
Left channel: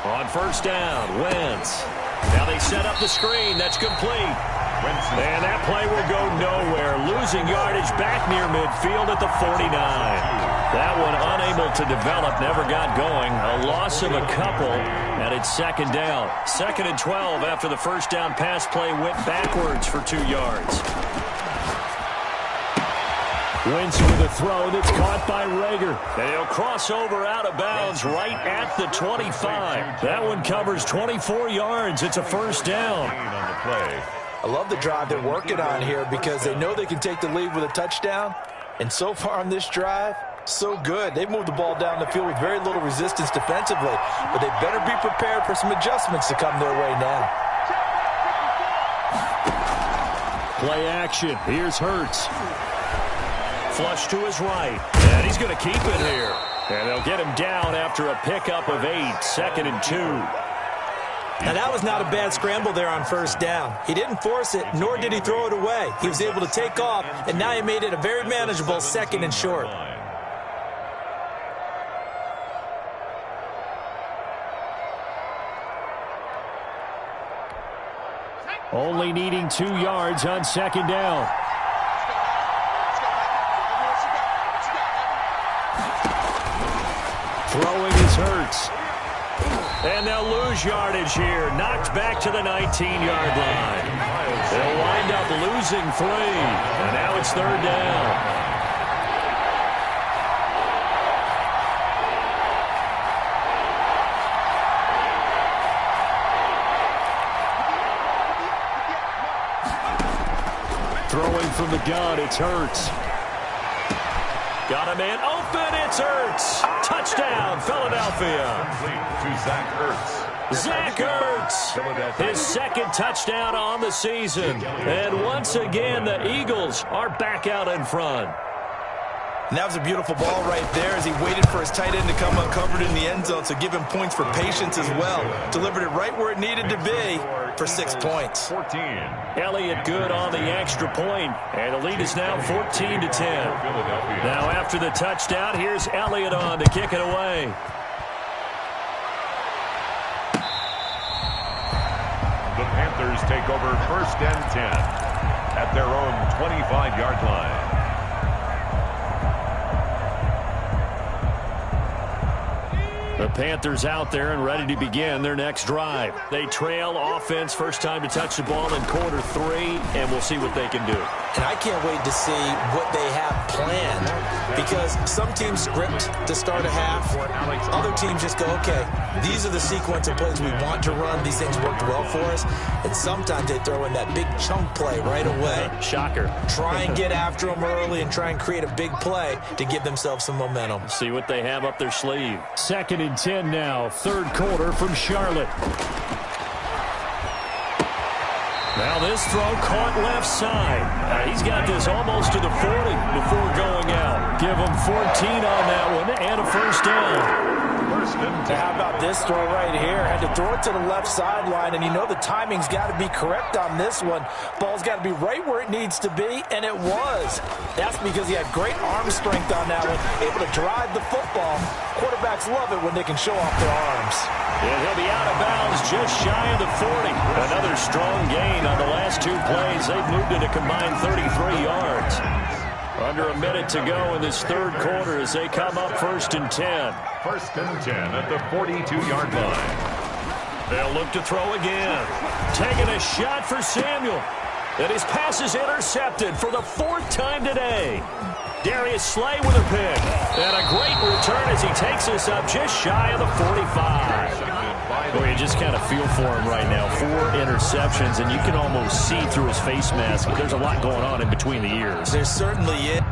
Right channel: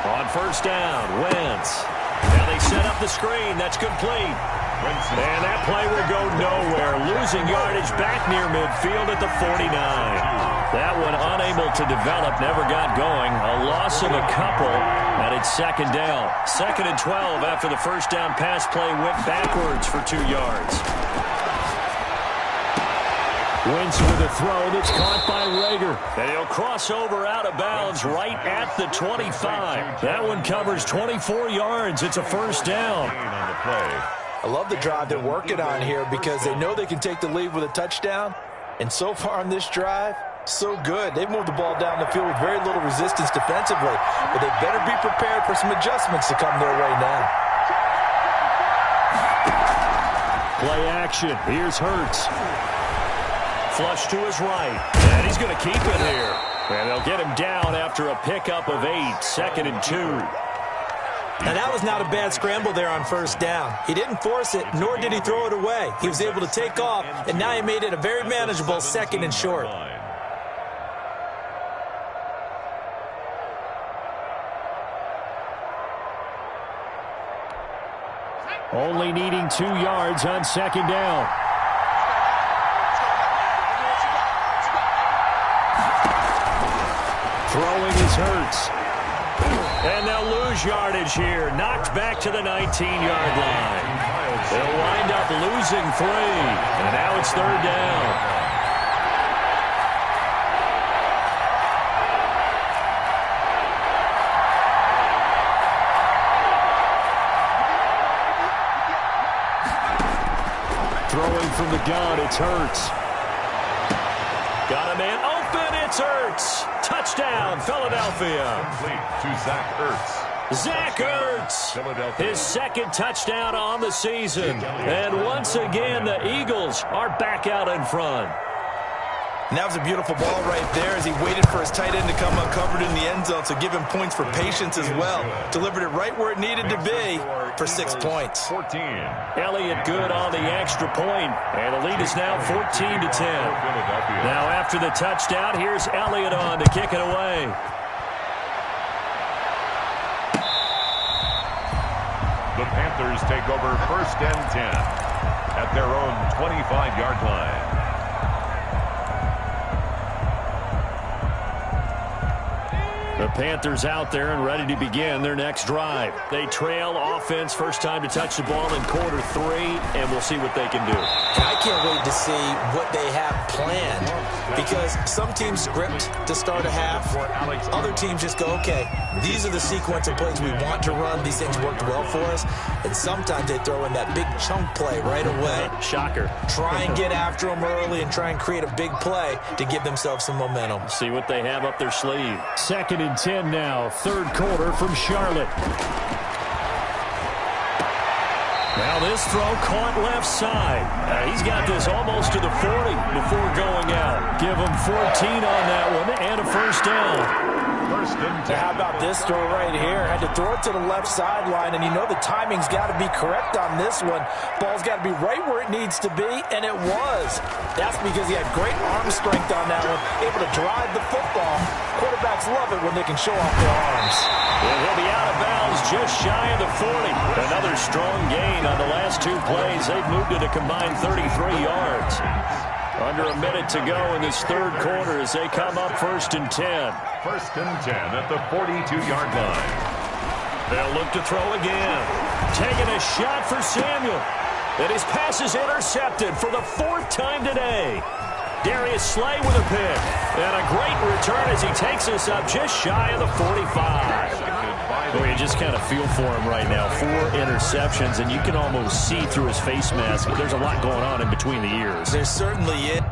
On first down, Wentz. Now they set up the screen. That's complete. And that play will go nowhere. Losing yardage back near midfield at the 49. That one unable to develop, never got going. A loss of a couple, and it's 2nd down. 2nd and 12 after the first down pass play went backwards for 2 yards. Wentz with a throw that's caught by Rager. And he'll cross over out of bounds right at the 25. That one covers 24 yards. It's a first down. On the play. I love the drive they're working on here because they know they can take the lead with a touchdown. And so far on this drive, so good. They've moved the ball down the field with very little resistance defensively. But they better be prepared for some adjustments to come their way now. Play action. Here's Hurts. Flush to his right. And he's going to keep it here. And they'll get him down after a pickup of 8. 2nd and 2. Now, that was not a bad scramble there on first down. He didn't force it, nor did he throw it away. He was able to take off, and now he made it a very manageable 2nd and short. Only needing 2 yards on 2nd down. Throwing is Hurts. And they'll lose yardage here. Knocked back to the 19-yard line. They'll wind up losing 3. And now it's 3rd down. Throwing from the gun, it's Hurts. Got a man open, it's Hurts. Touchdown, Philadelphia. Complete to Zach Ertz. Zach Ertz, his 2nd touchdown on the season. And once again, the Eagles are back out in front. And that was a beautiful ball right there as he waited for his tight end to come uncovered in the end zone, so give him points for patience as well. Delivered it right where it needed to be for 6 points. 14. Elliott good on the extra point, and the lead is now 14-10. Now after the touchdown, here's Elliott on to kick it away. The Panthers take over 1st and 10 at their own 25-yard line. The Panthers out there and ready to begin their next drive. They trail offense, first time to touch the ball in quarter 3, and we'll see what they can do. And I can't wait to see what they have planned, because some teams script to start a half. Other teams just go, okay, these are the sequence of plays we want to run. These things worked well for us. And sometimes they throw in that big chunk play right away. Shocker. Try and get after them early and try and create a big play to give themselves some momentum. See what they have up their sleeve. 2nd and 10 now, 3rd quarter from Charlotte. Now this throw caught left side. He's got this almost to the 40 before going out. Give him 14 on that one and a 1st down. 1st and 10. How about this throw right here? Had to throw it to the left sideline, and you know the timing's got to be correct on this one. Ball's got to be right where it needs to be, and it was. That's because he had great arm strength on that one, able to drive the football. Quarterbacks love it when they can show off their arms. And he'll be out of bounds just shy of the 40. Another strong gain on the last 2 plays. They've moved it a combined 33 yards. Under a minute to go in this 3rd quarter as they come up 1st and 10. 1st and 10 at the 42-yard line. They'll look to throw again. Taking a shot for Samuel. And his pass is intercepted for the 4th time today. Darius Slay with a pick. And a great return as he takes us up just shy of the 45. Boy, you just kind of feel for him right now. 4 interceptions, and you can almost see through his face mask. There's a lot going on in between the ears. There certainly is.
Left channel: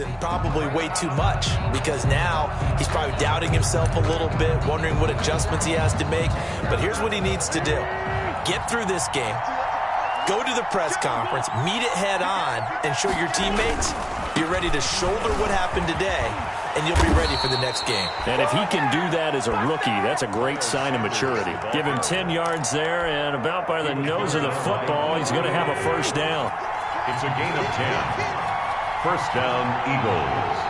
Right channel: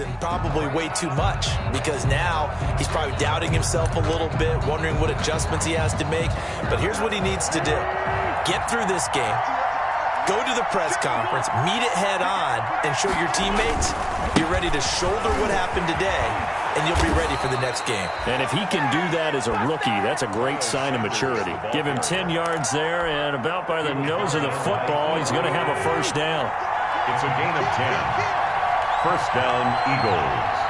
And probably way too much, because now he's probably doubting himself a little bit, wondering what adjustments he has to make. But here's what he needs to do. Get through this game, go to the press conference, meet it head on, and show your teammates you're ready to shoulder what happened today, and you'll be ready for the next game. And if he can do that as a rookie, that's a great sign of maturity. Give him 10 yards there, and about by the nose of the football, he's going to have a 1st down. It's a gain of 10. 1st down, Eagles.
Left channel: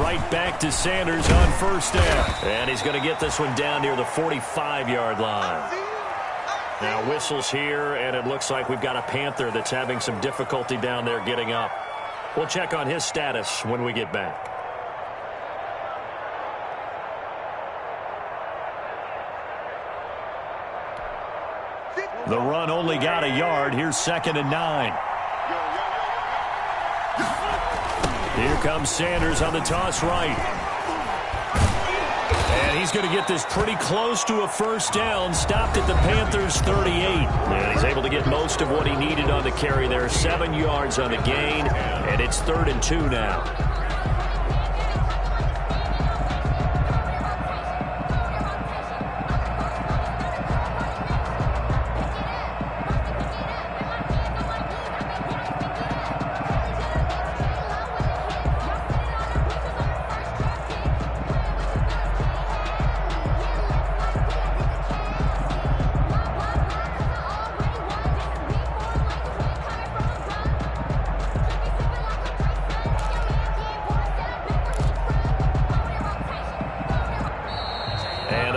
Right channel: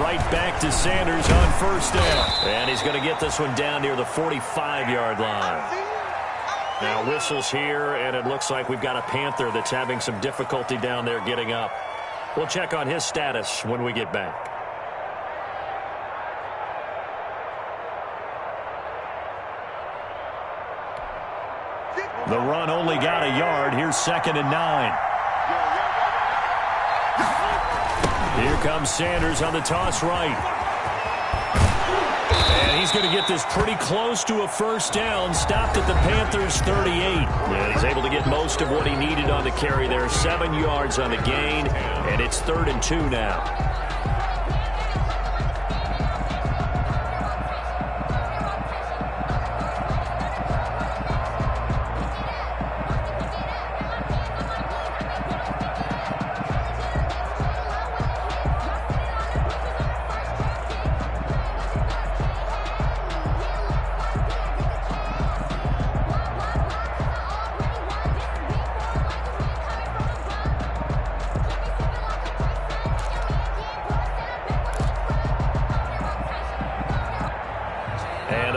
Right back to Sanders on 1st down. And he's going to get this one down near the 45-yard line. Now whistles here, and it looks like we've got a Panther that's having some difficulty down there getting up. We'll check on his status when we get back. The run only got a yard. Here's 2nd and 9. Here comes Sanders on the toss right. And he's going to get this pretty close to a first down. Stopped at the Panthers' 38. And he's able to get most of what he needed on the carry there. 7 yards on the gain. And it's 3rd and 2 now.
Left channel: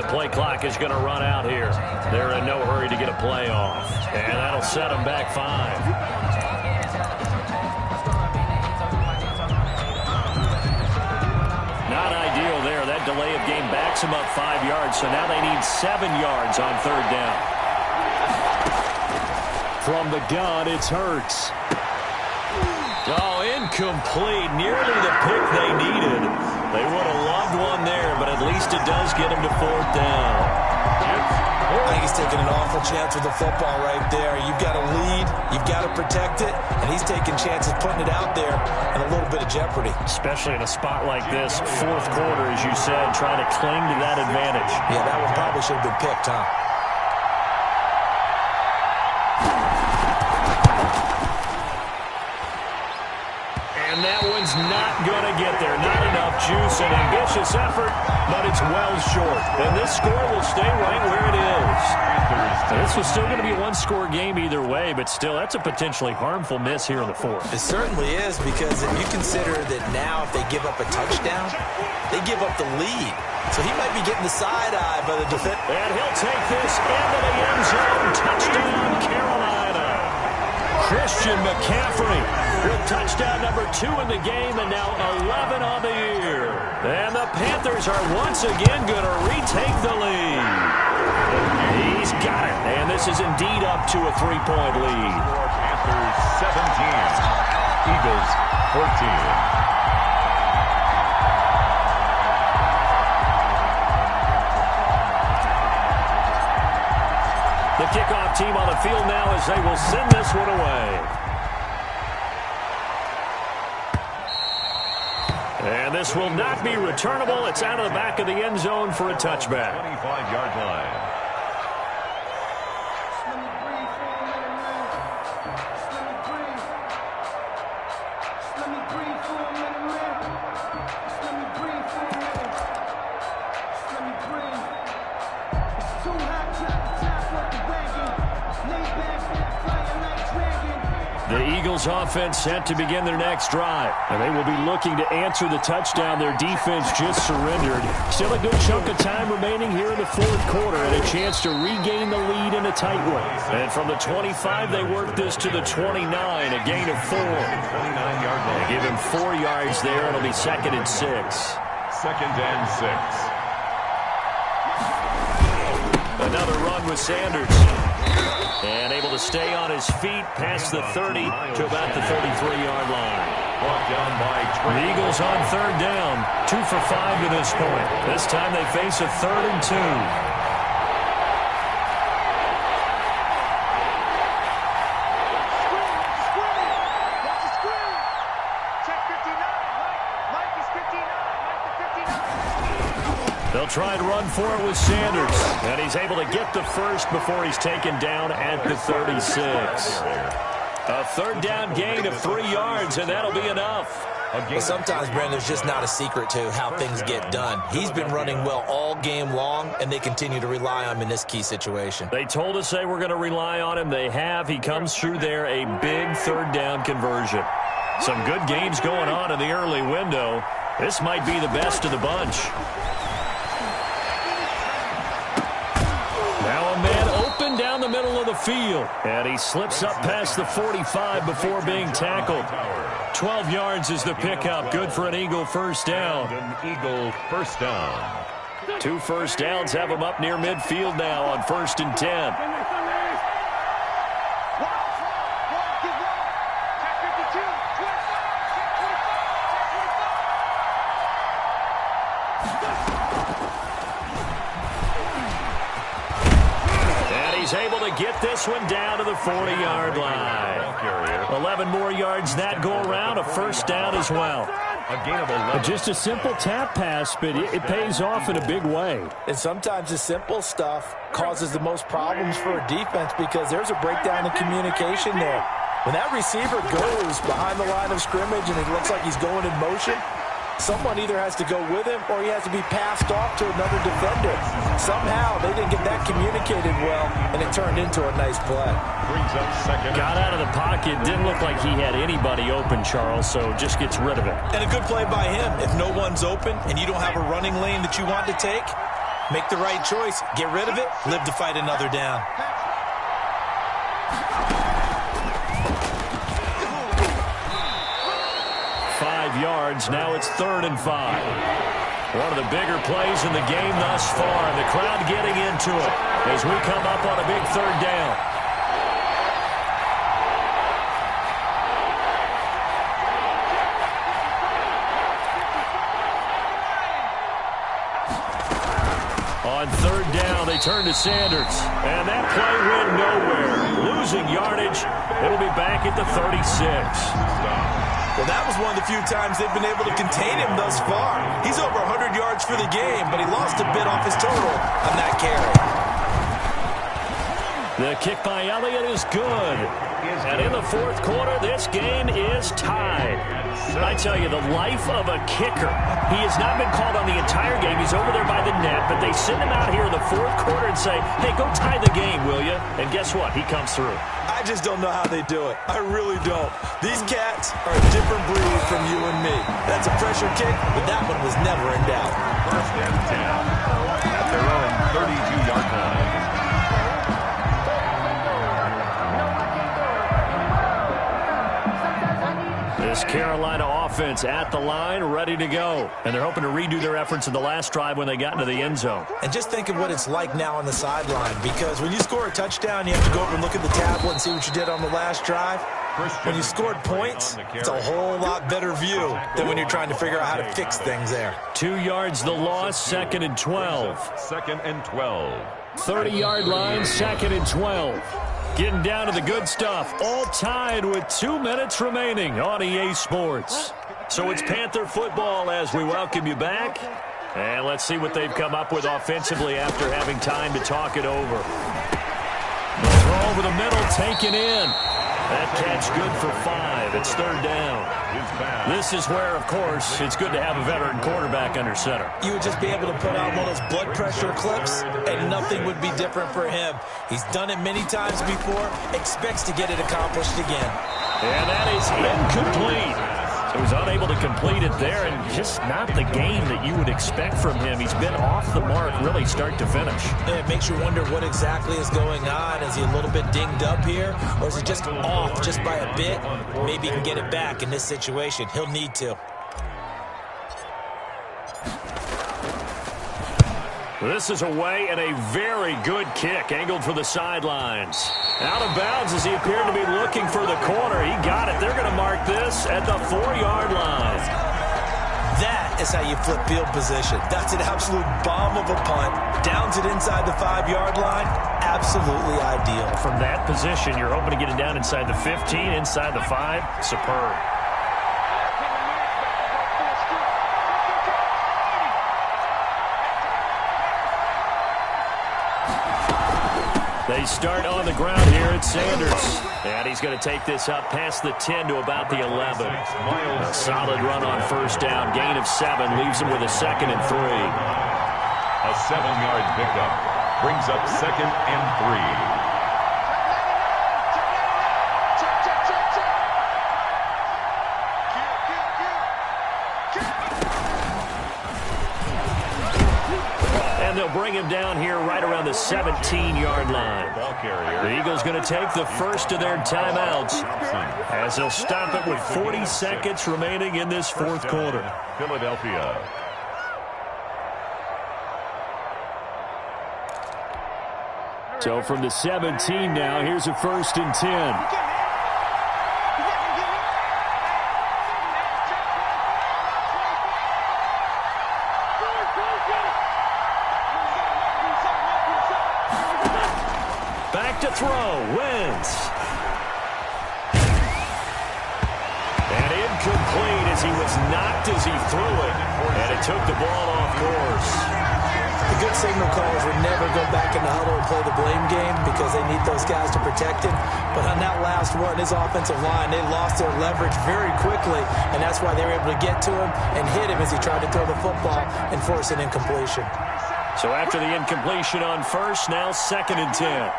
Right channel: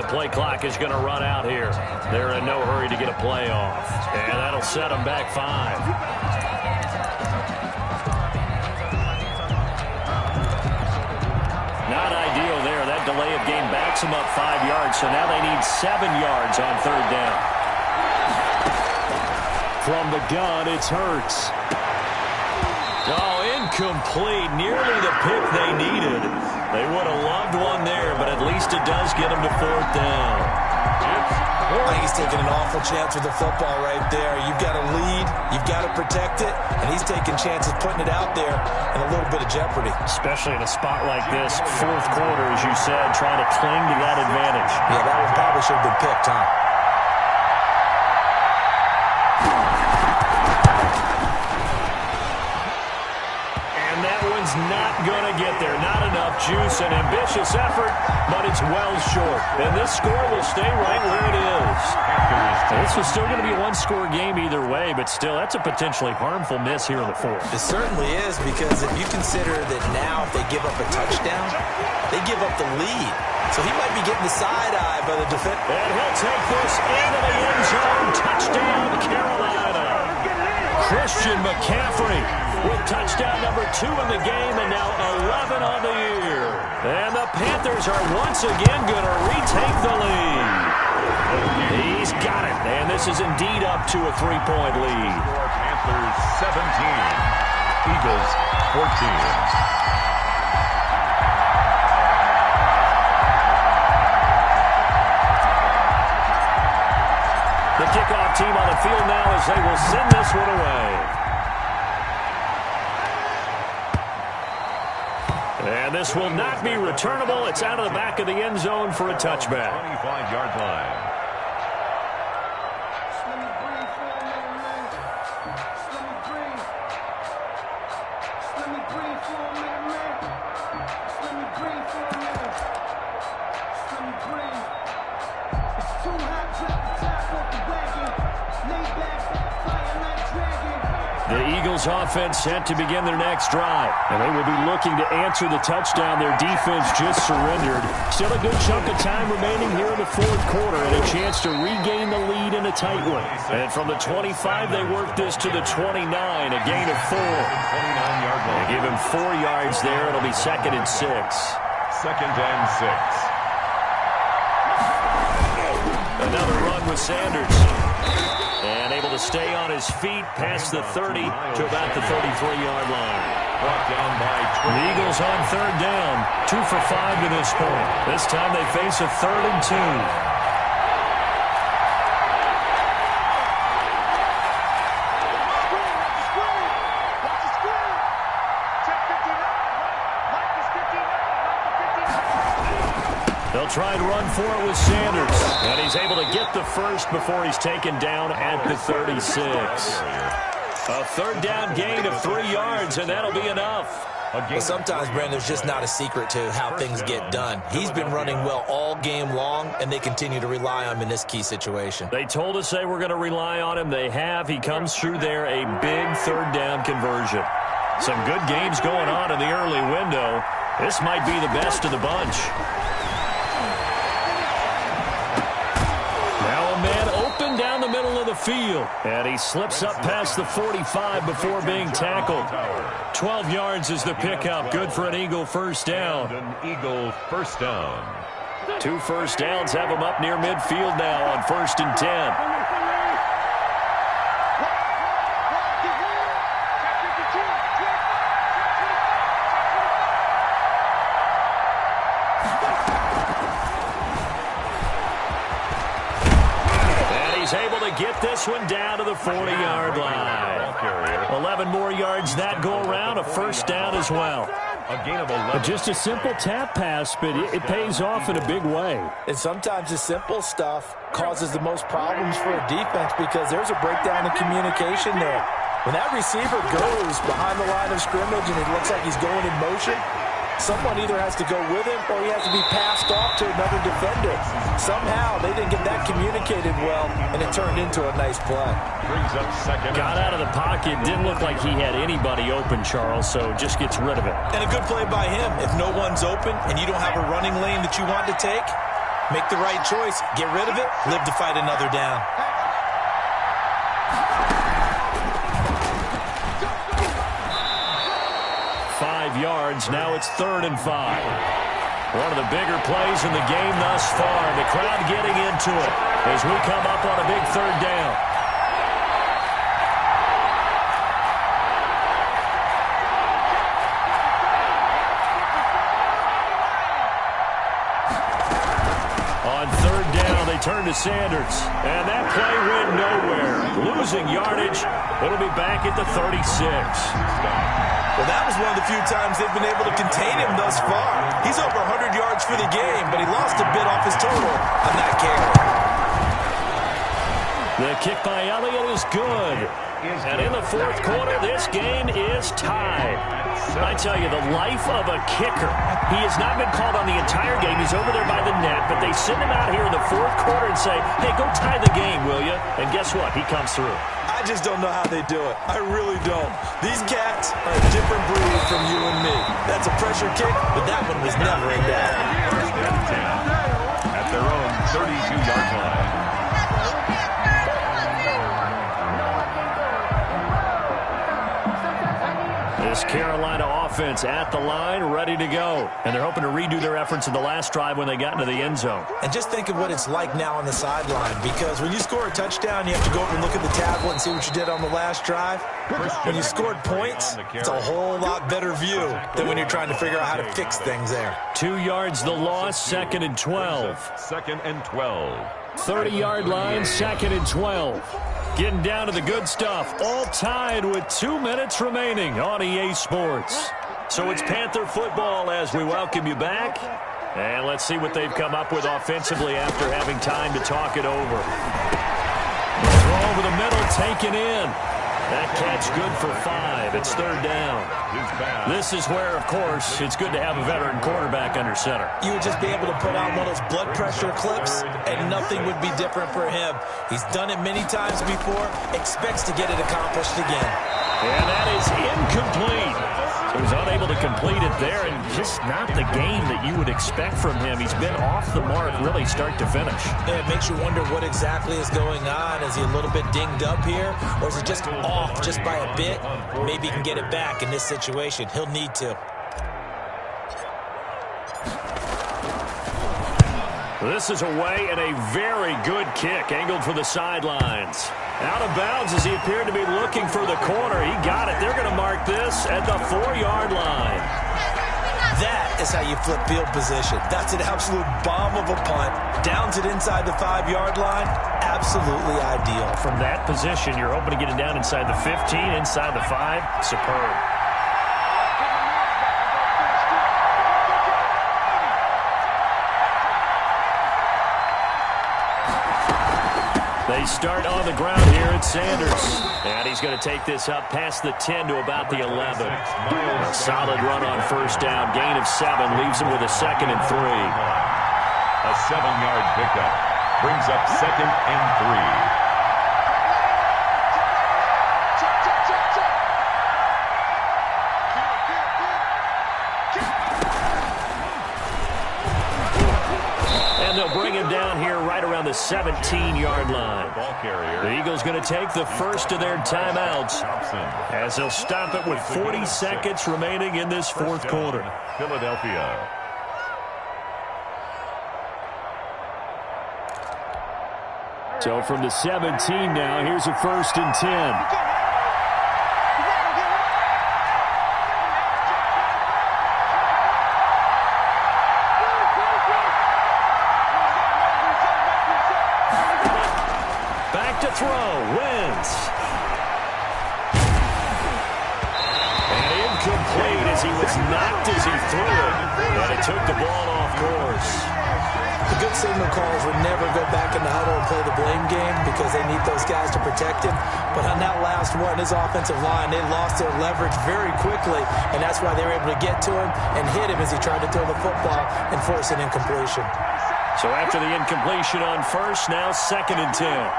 Play clock is going to run out here. They're in no hurry to get a play off. And that'll set them back 5. Not ideal there. That delay of game backs them up 5 yards. So now they need 7 yards on 3rd down. From the gun, it's Hurts. Oh, incomplete. Nearly the pick they needed. They would have loved one there, but at least it does get them to 4th down. I think he's taking an awful chance with the football right there. You've got to lead, you've got to protect it, and he's taking chances putting it out there in a little bit of jeopardy. Especially in a spot like this, 4th quarter, as you said, trying to cling to that advantage. Yeah, that one probably should have been picked, huh? And that one's not going to get there. Not enough juice. An ambitious effort, but it's well short. And this score will stay right where it is. And this was still going to be a one-score game either way, but still, that's a potentially harmful miss here in the 4th. It certainly is, because if you consider that now if they give up a touchdown, they give up the lead. So he might be getting the side-eye by the defense. And he'll take this into the end zone. Touchdown, Carolina. Christian McCaffrey with touchdown number 2 in the game, and now 11 on the year. And the Panthers are once again going to retake the lead. He's got it, and this is indeed up to a 3-point lead. Panthers 17, Eagles 14. The kickoff team on the field now as they will send this one away. And this will not be returnable. It's out of the back of the end zone for a touchback. 25-yard line. Just let me breathe for a minute, man. Just let me breathe. Just let me breathe for a minute, man. Just let me breathe for a minute. Just let me breathe. It's too hot, drop the top off the wagon. Lay back, fire like dragon. The Eagles offense set to begin their next drive. And they will be looking to answer the touchdown their defense just surrendered. Still a good chunk of time remaining here in the 4th quarter and a chance to regain the lead in a tight one. And from the 25, they work this to the 29, a gain of 4. 29-yard line. They give him 4 yards there. It'll be 2nd and 6. 2nd and 6. Another run with Sanders. And able to stay on his feet past the 30 to about the 33-yard line. Brought down by The Eagles on 3rd down, 2 for 5 to this point. This time they face a 3rd and 2. They'll try and run for it with Sanders. And he's able to get the first before he's taken down at the 36. A 3rd down gain of 3 yards, and that'll be enough. But sometimes, Brandon, there's just not a secret to how things get done. He's been running well all game long, and they continue to rely on him in this key situation. They told us they were going to rely on him. They have. He comes through there, a big 3rd down conversion. Some good games going on in the early window. This might be the best of the bunch. Now a man open down the middle of the field. And he slips up past the 45 before being tackled. 12 yards is the pickup. Good for an Eagle first down. An Eagle first down. 2 first downs have him up near midfield now on 1st and 10. he's able to get this one down to the 40-yard line. 11 more yards that go around, a first down as well. A gain of 11. Just a simple tap pass, but it pays off in a big way. And sometimes the simple stuff causes the most problems for a defense because there's a breakdown in communication there. When that receiver goes behind the line of scrimmage and it looks like he's going in motion, someone either has to go with him or he has to be passed off to another defender. Somehow they didn't get that communicated well, and it turned into a nice play. Brings up second. Got out of the pocket. Didn't look like he had anybody open, Charles, so just gets rid of it. And a good play by him. If no one's open and you don't have a running lane that you want to take, make the right choice. Get rid of it. Live to fight another down. Yards. Now it's 3rd and 5. One of the bigger plays in the game thus far. The crowd getting into it as we come up on a big 3rd down. On 3rd down, they turn to Sanders. And that play went nowhere. Losing yardage. It'll be back at the 36. Well, that was one of the few times they've been able to contain him thus far. He's over 100 yards for the game, but he lost a bit off his total on that carry. The kick by Elliott is good. And in the 4th quarter, this game is tied. I tell you, the life of a kicker. He has not been called on the entire game. He's over there by the net, but they send him out here in the 4th quarter and say, hey, go tie the game, will you? And guess what? He comes through. I just don't know how they do it. I really don't. These cats are a different breed from you and me. That's a pressure kick, but that one was never in doubt. 1st and 10 at their own 32-yard line. This Carolina offense at the line, ready to go. And they're hoping to redo their efforts in the last drive when they got into the end zone. And just think of what it's like now on the sideline, because when you score a touchdown, you have to go over and look at the tablet and see what you did on the last drive. When you scored points, it's a whole lot better view than when you're trying to figure out how to fix things there. 2 yards the loss, 2nd and 12. 2nd and 12. 30-yard line, 2nd and 12. Getting down to the good stuff, all tied with 2 minutes remaining on EA Sports. So it's Panther football as we welcome you back. And let's see what they've come up with offensively after having time to talk it over. Throw over the middle, taken in. That catch good for 5. It's 3rd down. This is where, of course, it's good to have a veteran quarterback under center. You would just be able to put on one of those blood pressure clips, and nothing would be different for him. He's done it many times before, expects to get it accomplished again. And that is incomplete. So he's unable to complete it there, and just not the game that you would expect from him. He's been off the mark really start to finish. Yeah, it makes you wonder what exactly is going on. Is he a little bit dinged up here, or is he just off just by a bit? Maybe he can get it back in this situation. He'll need to. This is away and a very good kick, angled for the sidelines. Out of bounds as he appeared to be looking for the corner. He got it. They're going to mark this at the 4-yard line. That is how you flip field position. That's an absolute bomb of a punt. Downs it inside the 5-yard line. Absolutely ideal. From that position, you're hoping to get it down inside the 15, inside the 5. Superb. They start on the ground here at Sanders. And he's going to take this up past the 10 to about the 11. A solid run on 1st down. Gain of 7 leaves him with a 2nd and 3. A 7-yard pickup brings up 2nd and 3. And they'll bring him down here right around the 17-yard line. The Eagles going to take the first of their timeouts as they'll stop it with 40 seconds remaining in this 4th quarter. Philadelphia. So from the 17 now, here's a 1st and 10. throw. Wentz. And incomplete as he was knocked as he threw it. And it took the ball off course. The good signal callers would never go back in the huddle and play the blame game because they need those guys to protect him. But on that last one, his offensive line, they lost their leverage very quickly, and that's why they were able to get to him and hit him as he tried to throw the football and force an incompletion. So after the incompletion on first, now 2nd and 10.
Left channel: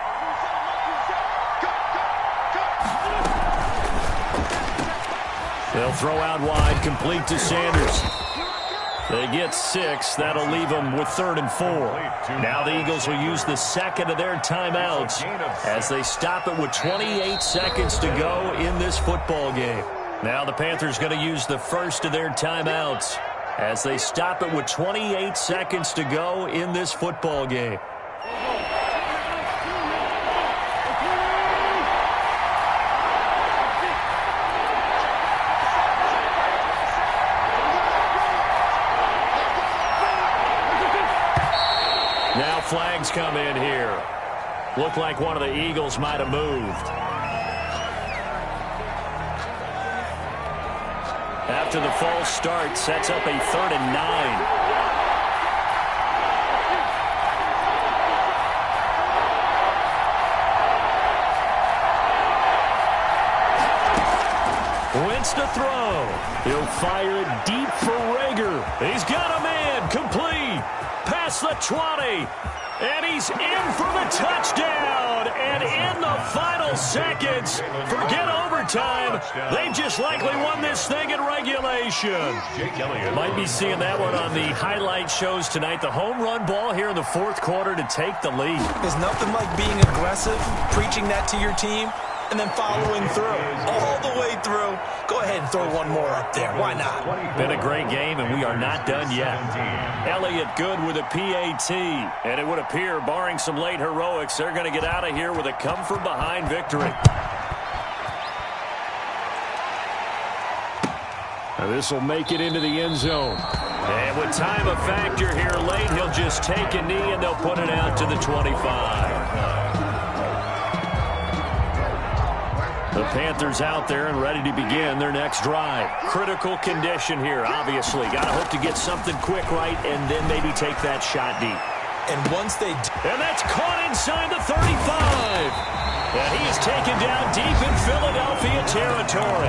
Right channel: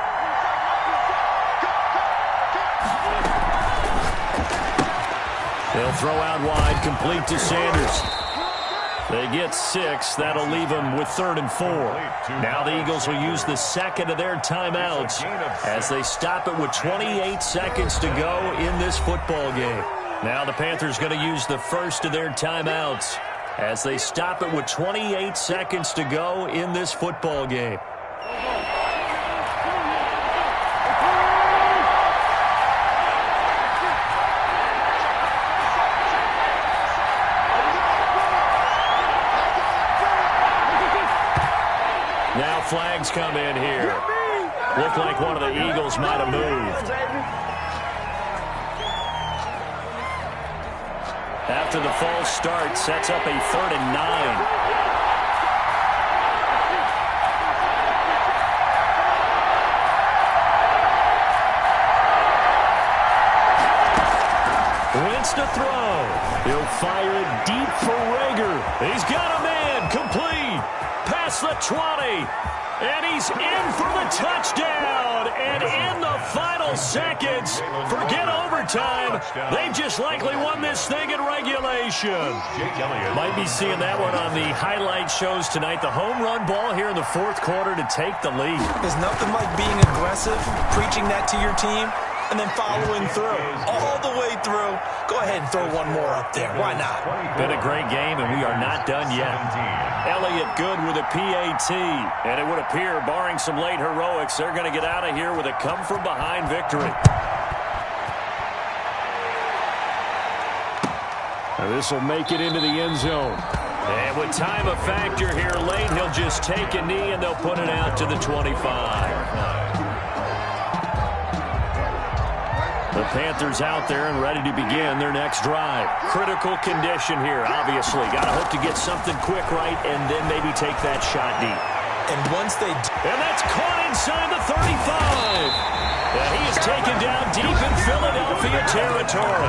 They'll throw out wide, complete to Sanders. They get 6. That'll leave them with 3rd and 4. Now the Eagles will use the second of their timeouts as they stop it with 28 seconds to go in this football game. Now the Panthers going to use the first of their timeouts as they stop it with 28 seconds to go in this football game. Now flags come in here. Looked like one of the Eagles might have moved. After the false start, sets up a 3rd and 9. Wentz to throw. He'll fire it deep for Rager. He's got a man. Complete. Past the 20. And he's in for the touchdown. And in the final seconds, forget overtime. They've just likely won this thing in regulation. Might be seeing that one on the highlight shows tonight. The home run ball here in the 4th quarter to take the lead. There's nothing like being aggressive, preaching that to your team, and then following through, all the way through. Go ahead and throw one more up there. Why not? Been a great game, and we are not done yet. Elliott good with a PAT, and it would appear, barring some late heroics, they're going to get out of here with a come-from-behind victory. Now this will make it into the end zone. And with time a factor here late, he'll just take a knee, and they'll put it out to the 25. The Panthers out there and ready to begin their next drive. Critical condition here, obviously. Got to hope to get something quick right and then maybe take that shot deep. And once they... And that's caught inside the 35. And he is taken down deep in Philadelphia territory.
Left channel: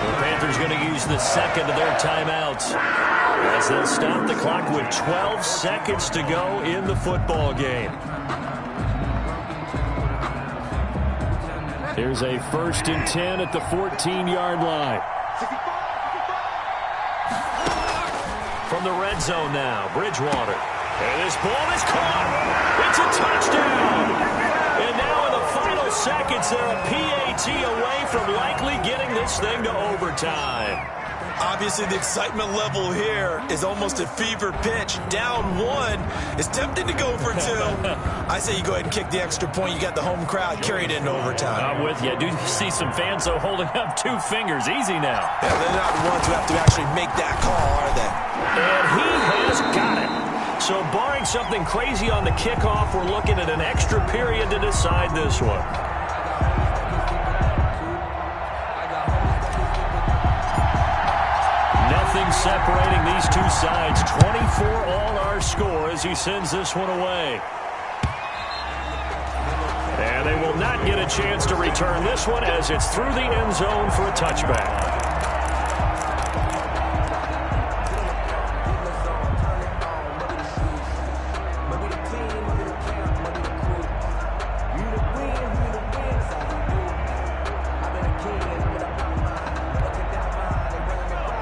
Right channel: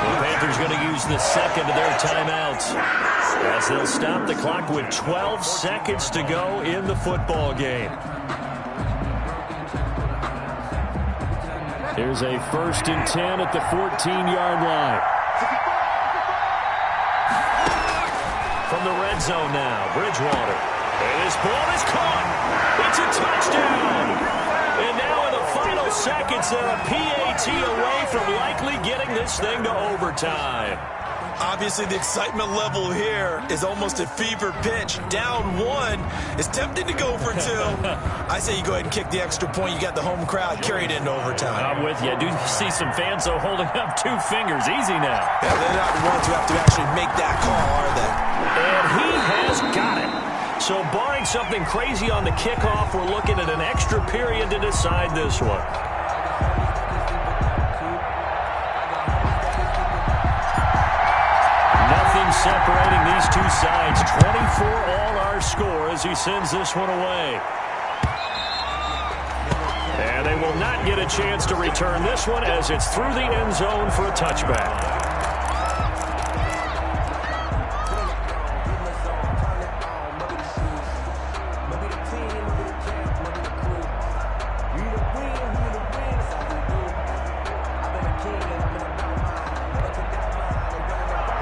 The Panthers going to use the second of their timeouts as they'll stop the clock with 12 seconds to go in the football game. Here's a 1st and 10 at the 14-yard line. From the red zone now, Bridgewater. And this ball is caught. It's a touchdown. And now in the final seconds, they're a PAT away from likely getting this thing to overtime. Obviously, the excitement level here is almost a fever pitch. Down 1. It's tempting to go for 2. I say you go ahead and kick the extra point. You got the home crowd carried into overtime. I'm with you. I do see some fans, though, holding up 2 fingers. Easy now. Yeah, they're not the ones who have to actually make that call, are they? And he has got it. So barring something crazy on the kickoff, we're looking at an extra period to decide this one. Nothing separating these two sides. 24 all our score as he sends this one away. And they will not get a chance to return this one as it's through the end zone for a touchback.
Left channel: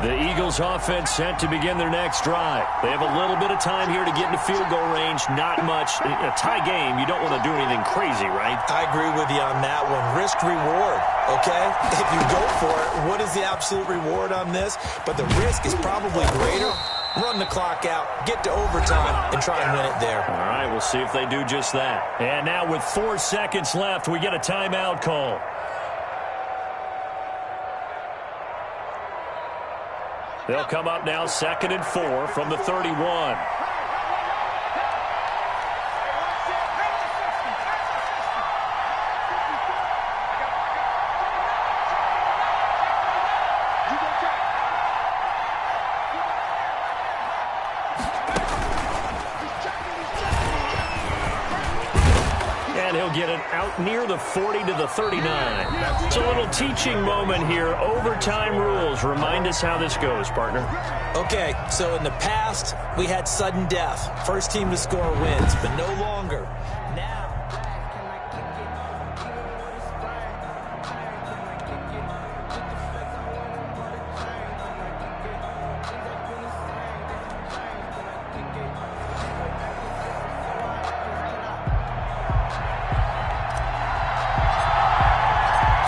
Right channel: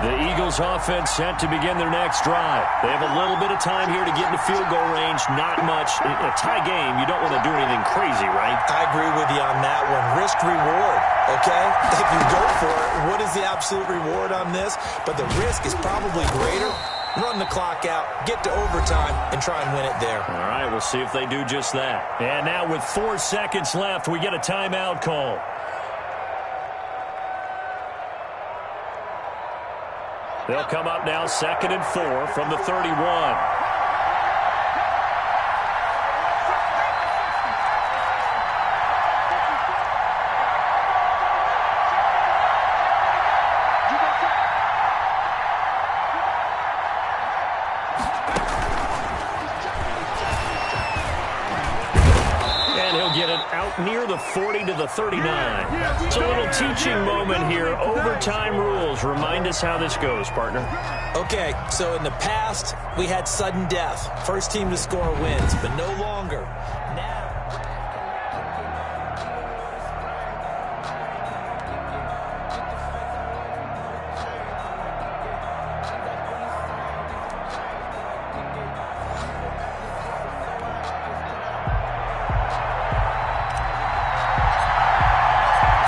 The Eagles offense set to begin their next drive. They have a little bit of time here to get into field goal range. Not much. In a tie game, you don't want to do anything crazy, right? I agree with you on that one. Risk reward, okay? If you go for it, what is the absolute reward on this? But the risk is probably greater. Run the clock out, get to overtime, and try and win it there. All right, we'll see if they do just that. And now with 4 seconds left, we get a timeout call. They'll come up now 2nd and 4 from the 31. out near the 40 to the 39. It's a little teaching moment here. Overtime rules. Remind us how this goes, partner. Okay, so in the past, we had sudden death. First team to score wins, but no longer. Now...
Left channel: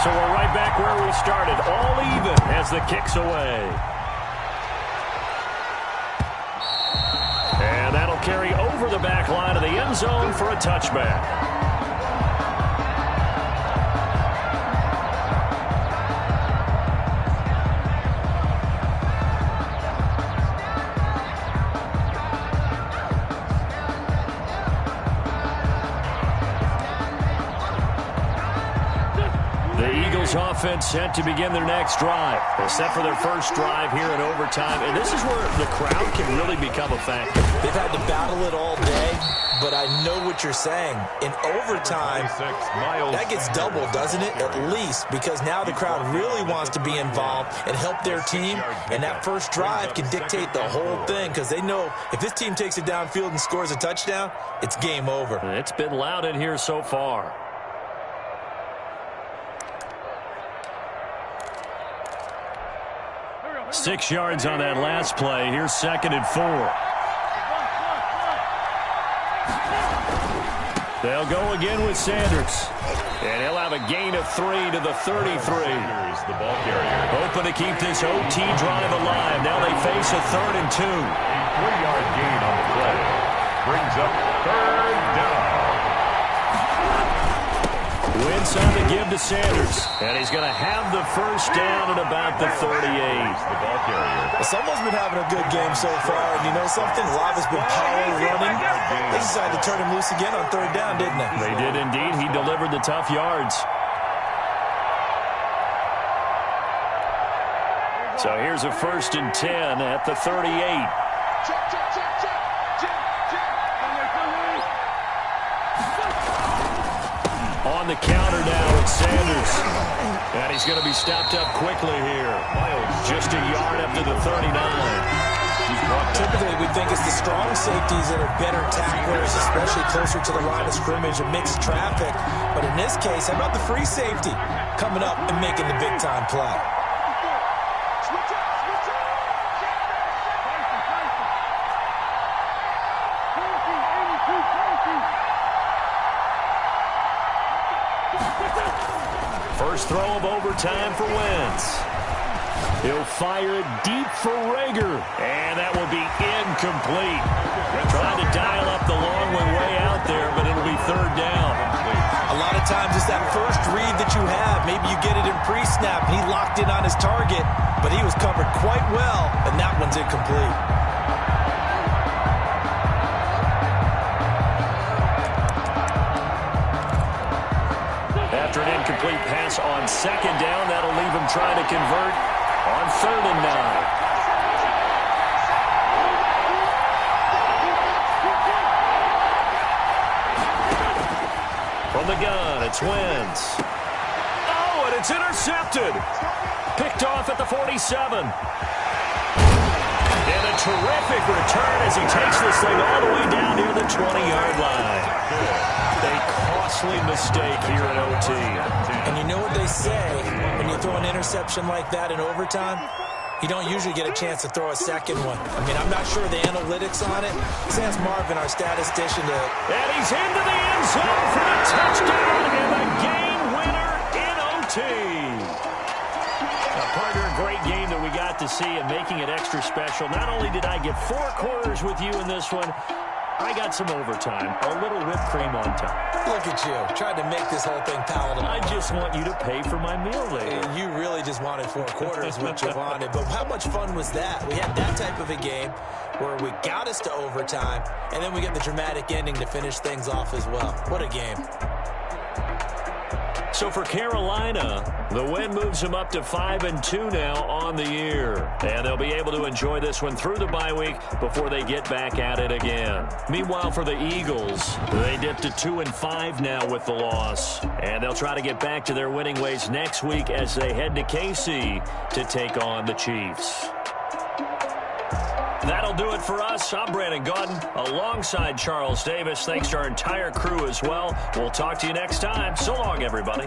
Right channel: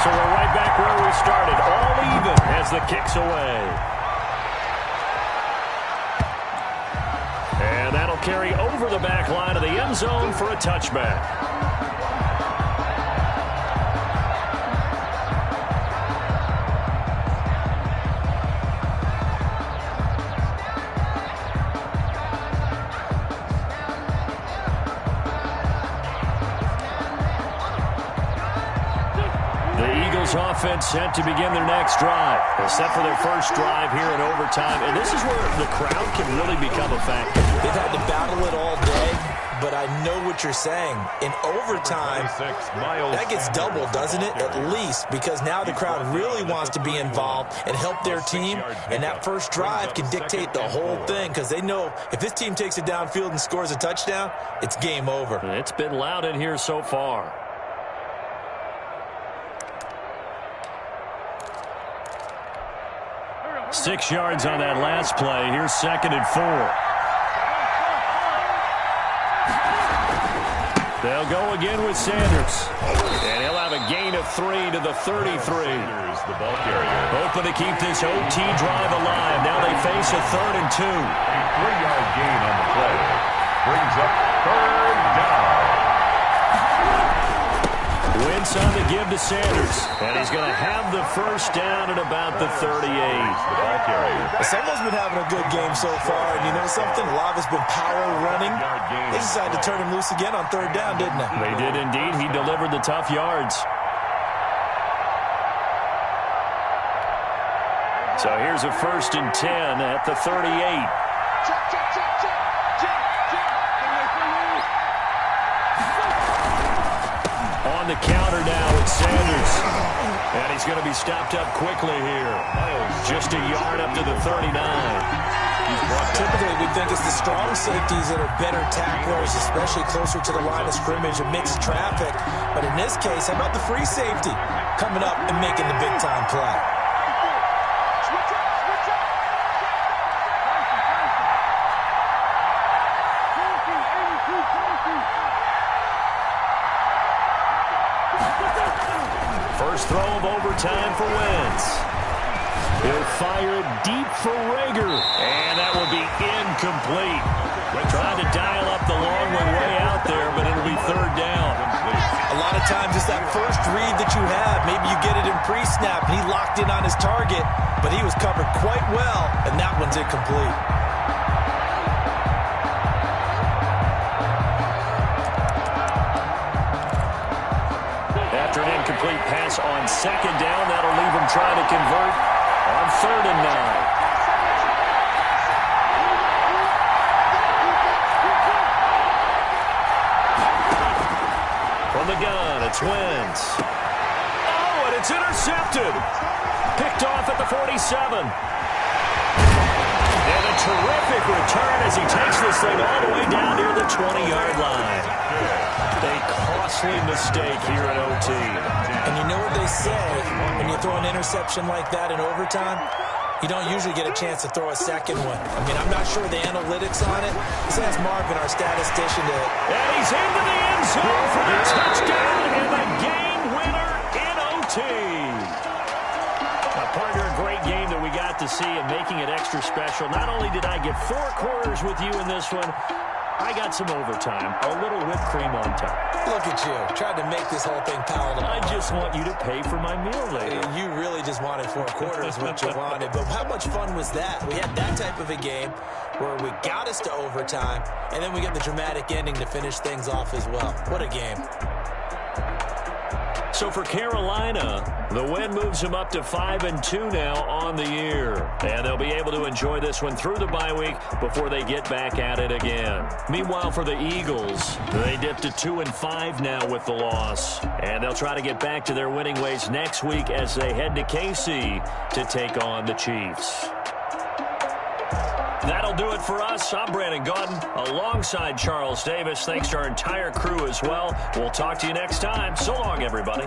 So we're right back where we started, all even as the kick's away. And that'll carry over the back line of the end zone for a touchback. Offense set to begin their next drive. They're set for their first drive here in overtime, and this is where the crowd can really become a factor. They've had to battle it all day, but I know what you're saying. In overtime, that gets doubled, doesn't it? At least, because now the crowd really wants to be involved and help their team, and that first drive can dictate the whole thing, because they know if this team takes it downfield and scores a touchdown, it's game over. It's been loud in here so far. 6 yards on that last play. Here's 2nd and 4. They'll go again with Sanders. And he'll have a gain of 3 to the 33. Sanders, the ball carrier. Hoping to keep this OT drive alive. Now they face a 3rd and 2. A 3-yard gain on the play. Brings up 3rd down. Wentz on the give to Sanders. And he's going to have the first down at about the 38. The ball carrier. Someone's been having a good game so far, and you know something? A lot has been power running. They decided to turn him loose again on 3rd down, didn't they? They did indeed. He delivered the tough yards. So here's a 1st and 10 at the 38. Check, check, check, check. On the counter now, it's Sanders. And he's going to be stopped up quickly here. Just a yard up to the 39. Typically, we think it's the strong safeties that are better tacklers, especially closer to the line of scrimmage amidst traffic. But in this case, how about the free safety coming up and making the big-time play? Switch up, switch up. First throw of overtime for Wentz. He'll fire it deep for Rager. And that will be incomplete. Trying to dial up the long one way out there, but it'll be 3rd down. A lot of times it's that first read that you have. Maybe you get it in pre-snap, and he locked in on his target, but he was covered quite well, and that one's incomplete. After an incomplete pass on 2nd down, that'll leave him trying to convert on 3rd and 9. From the gun, it's Wentz. Oh, and it's intercepted. Picked off at the 47. And a terrific return as he takes this thing all the way down near the 20-yard line. A costly mistake here in OT. And you know what they say, when you throw an interception like that in overtime, you don't usually get a chance to throw a second one. I mean, I'm not sure the analytics on it. Let's ask Marvin, our statistician, to... And he's into the end zone for the touchdown and the game winner in OT. Partner, a great game that we got to see and making it extra special. Not only did I get 4 quarters with you in this one, I got some overtime, a little whipped cream on top. Look at you, tried to make this whole thing palatable. I just want you to pay for my meal later. You really just wanted 4 quarters, what you wanted. But how much fun was that? We had that type of a game where we got us to overtime, and then we get the dramatic ending to finish things off as well. What a game. So for Carolina, the win moves them up to 5-2 now on the year. And they'll be able to enjoy this one through the bye week before they get back at it again. Meanwhile, for the Eagles, they dipped to 2-5 now with the loss. And they'll try to get back to their winning ways next week as they head to KC to take on the Chiefs. That'll do it for us. I'm Brandon Gaudin alongside Charles Davis. Thanks to our entire crew as well. We'll talk to you next time. So long, everybody.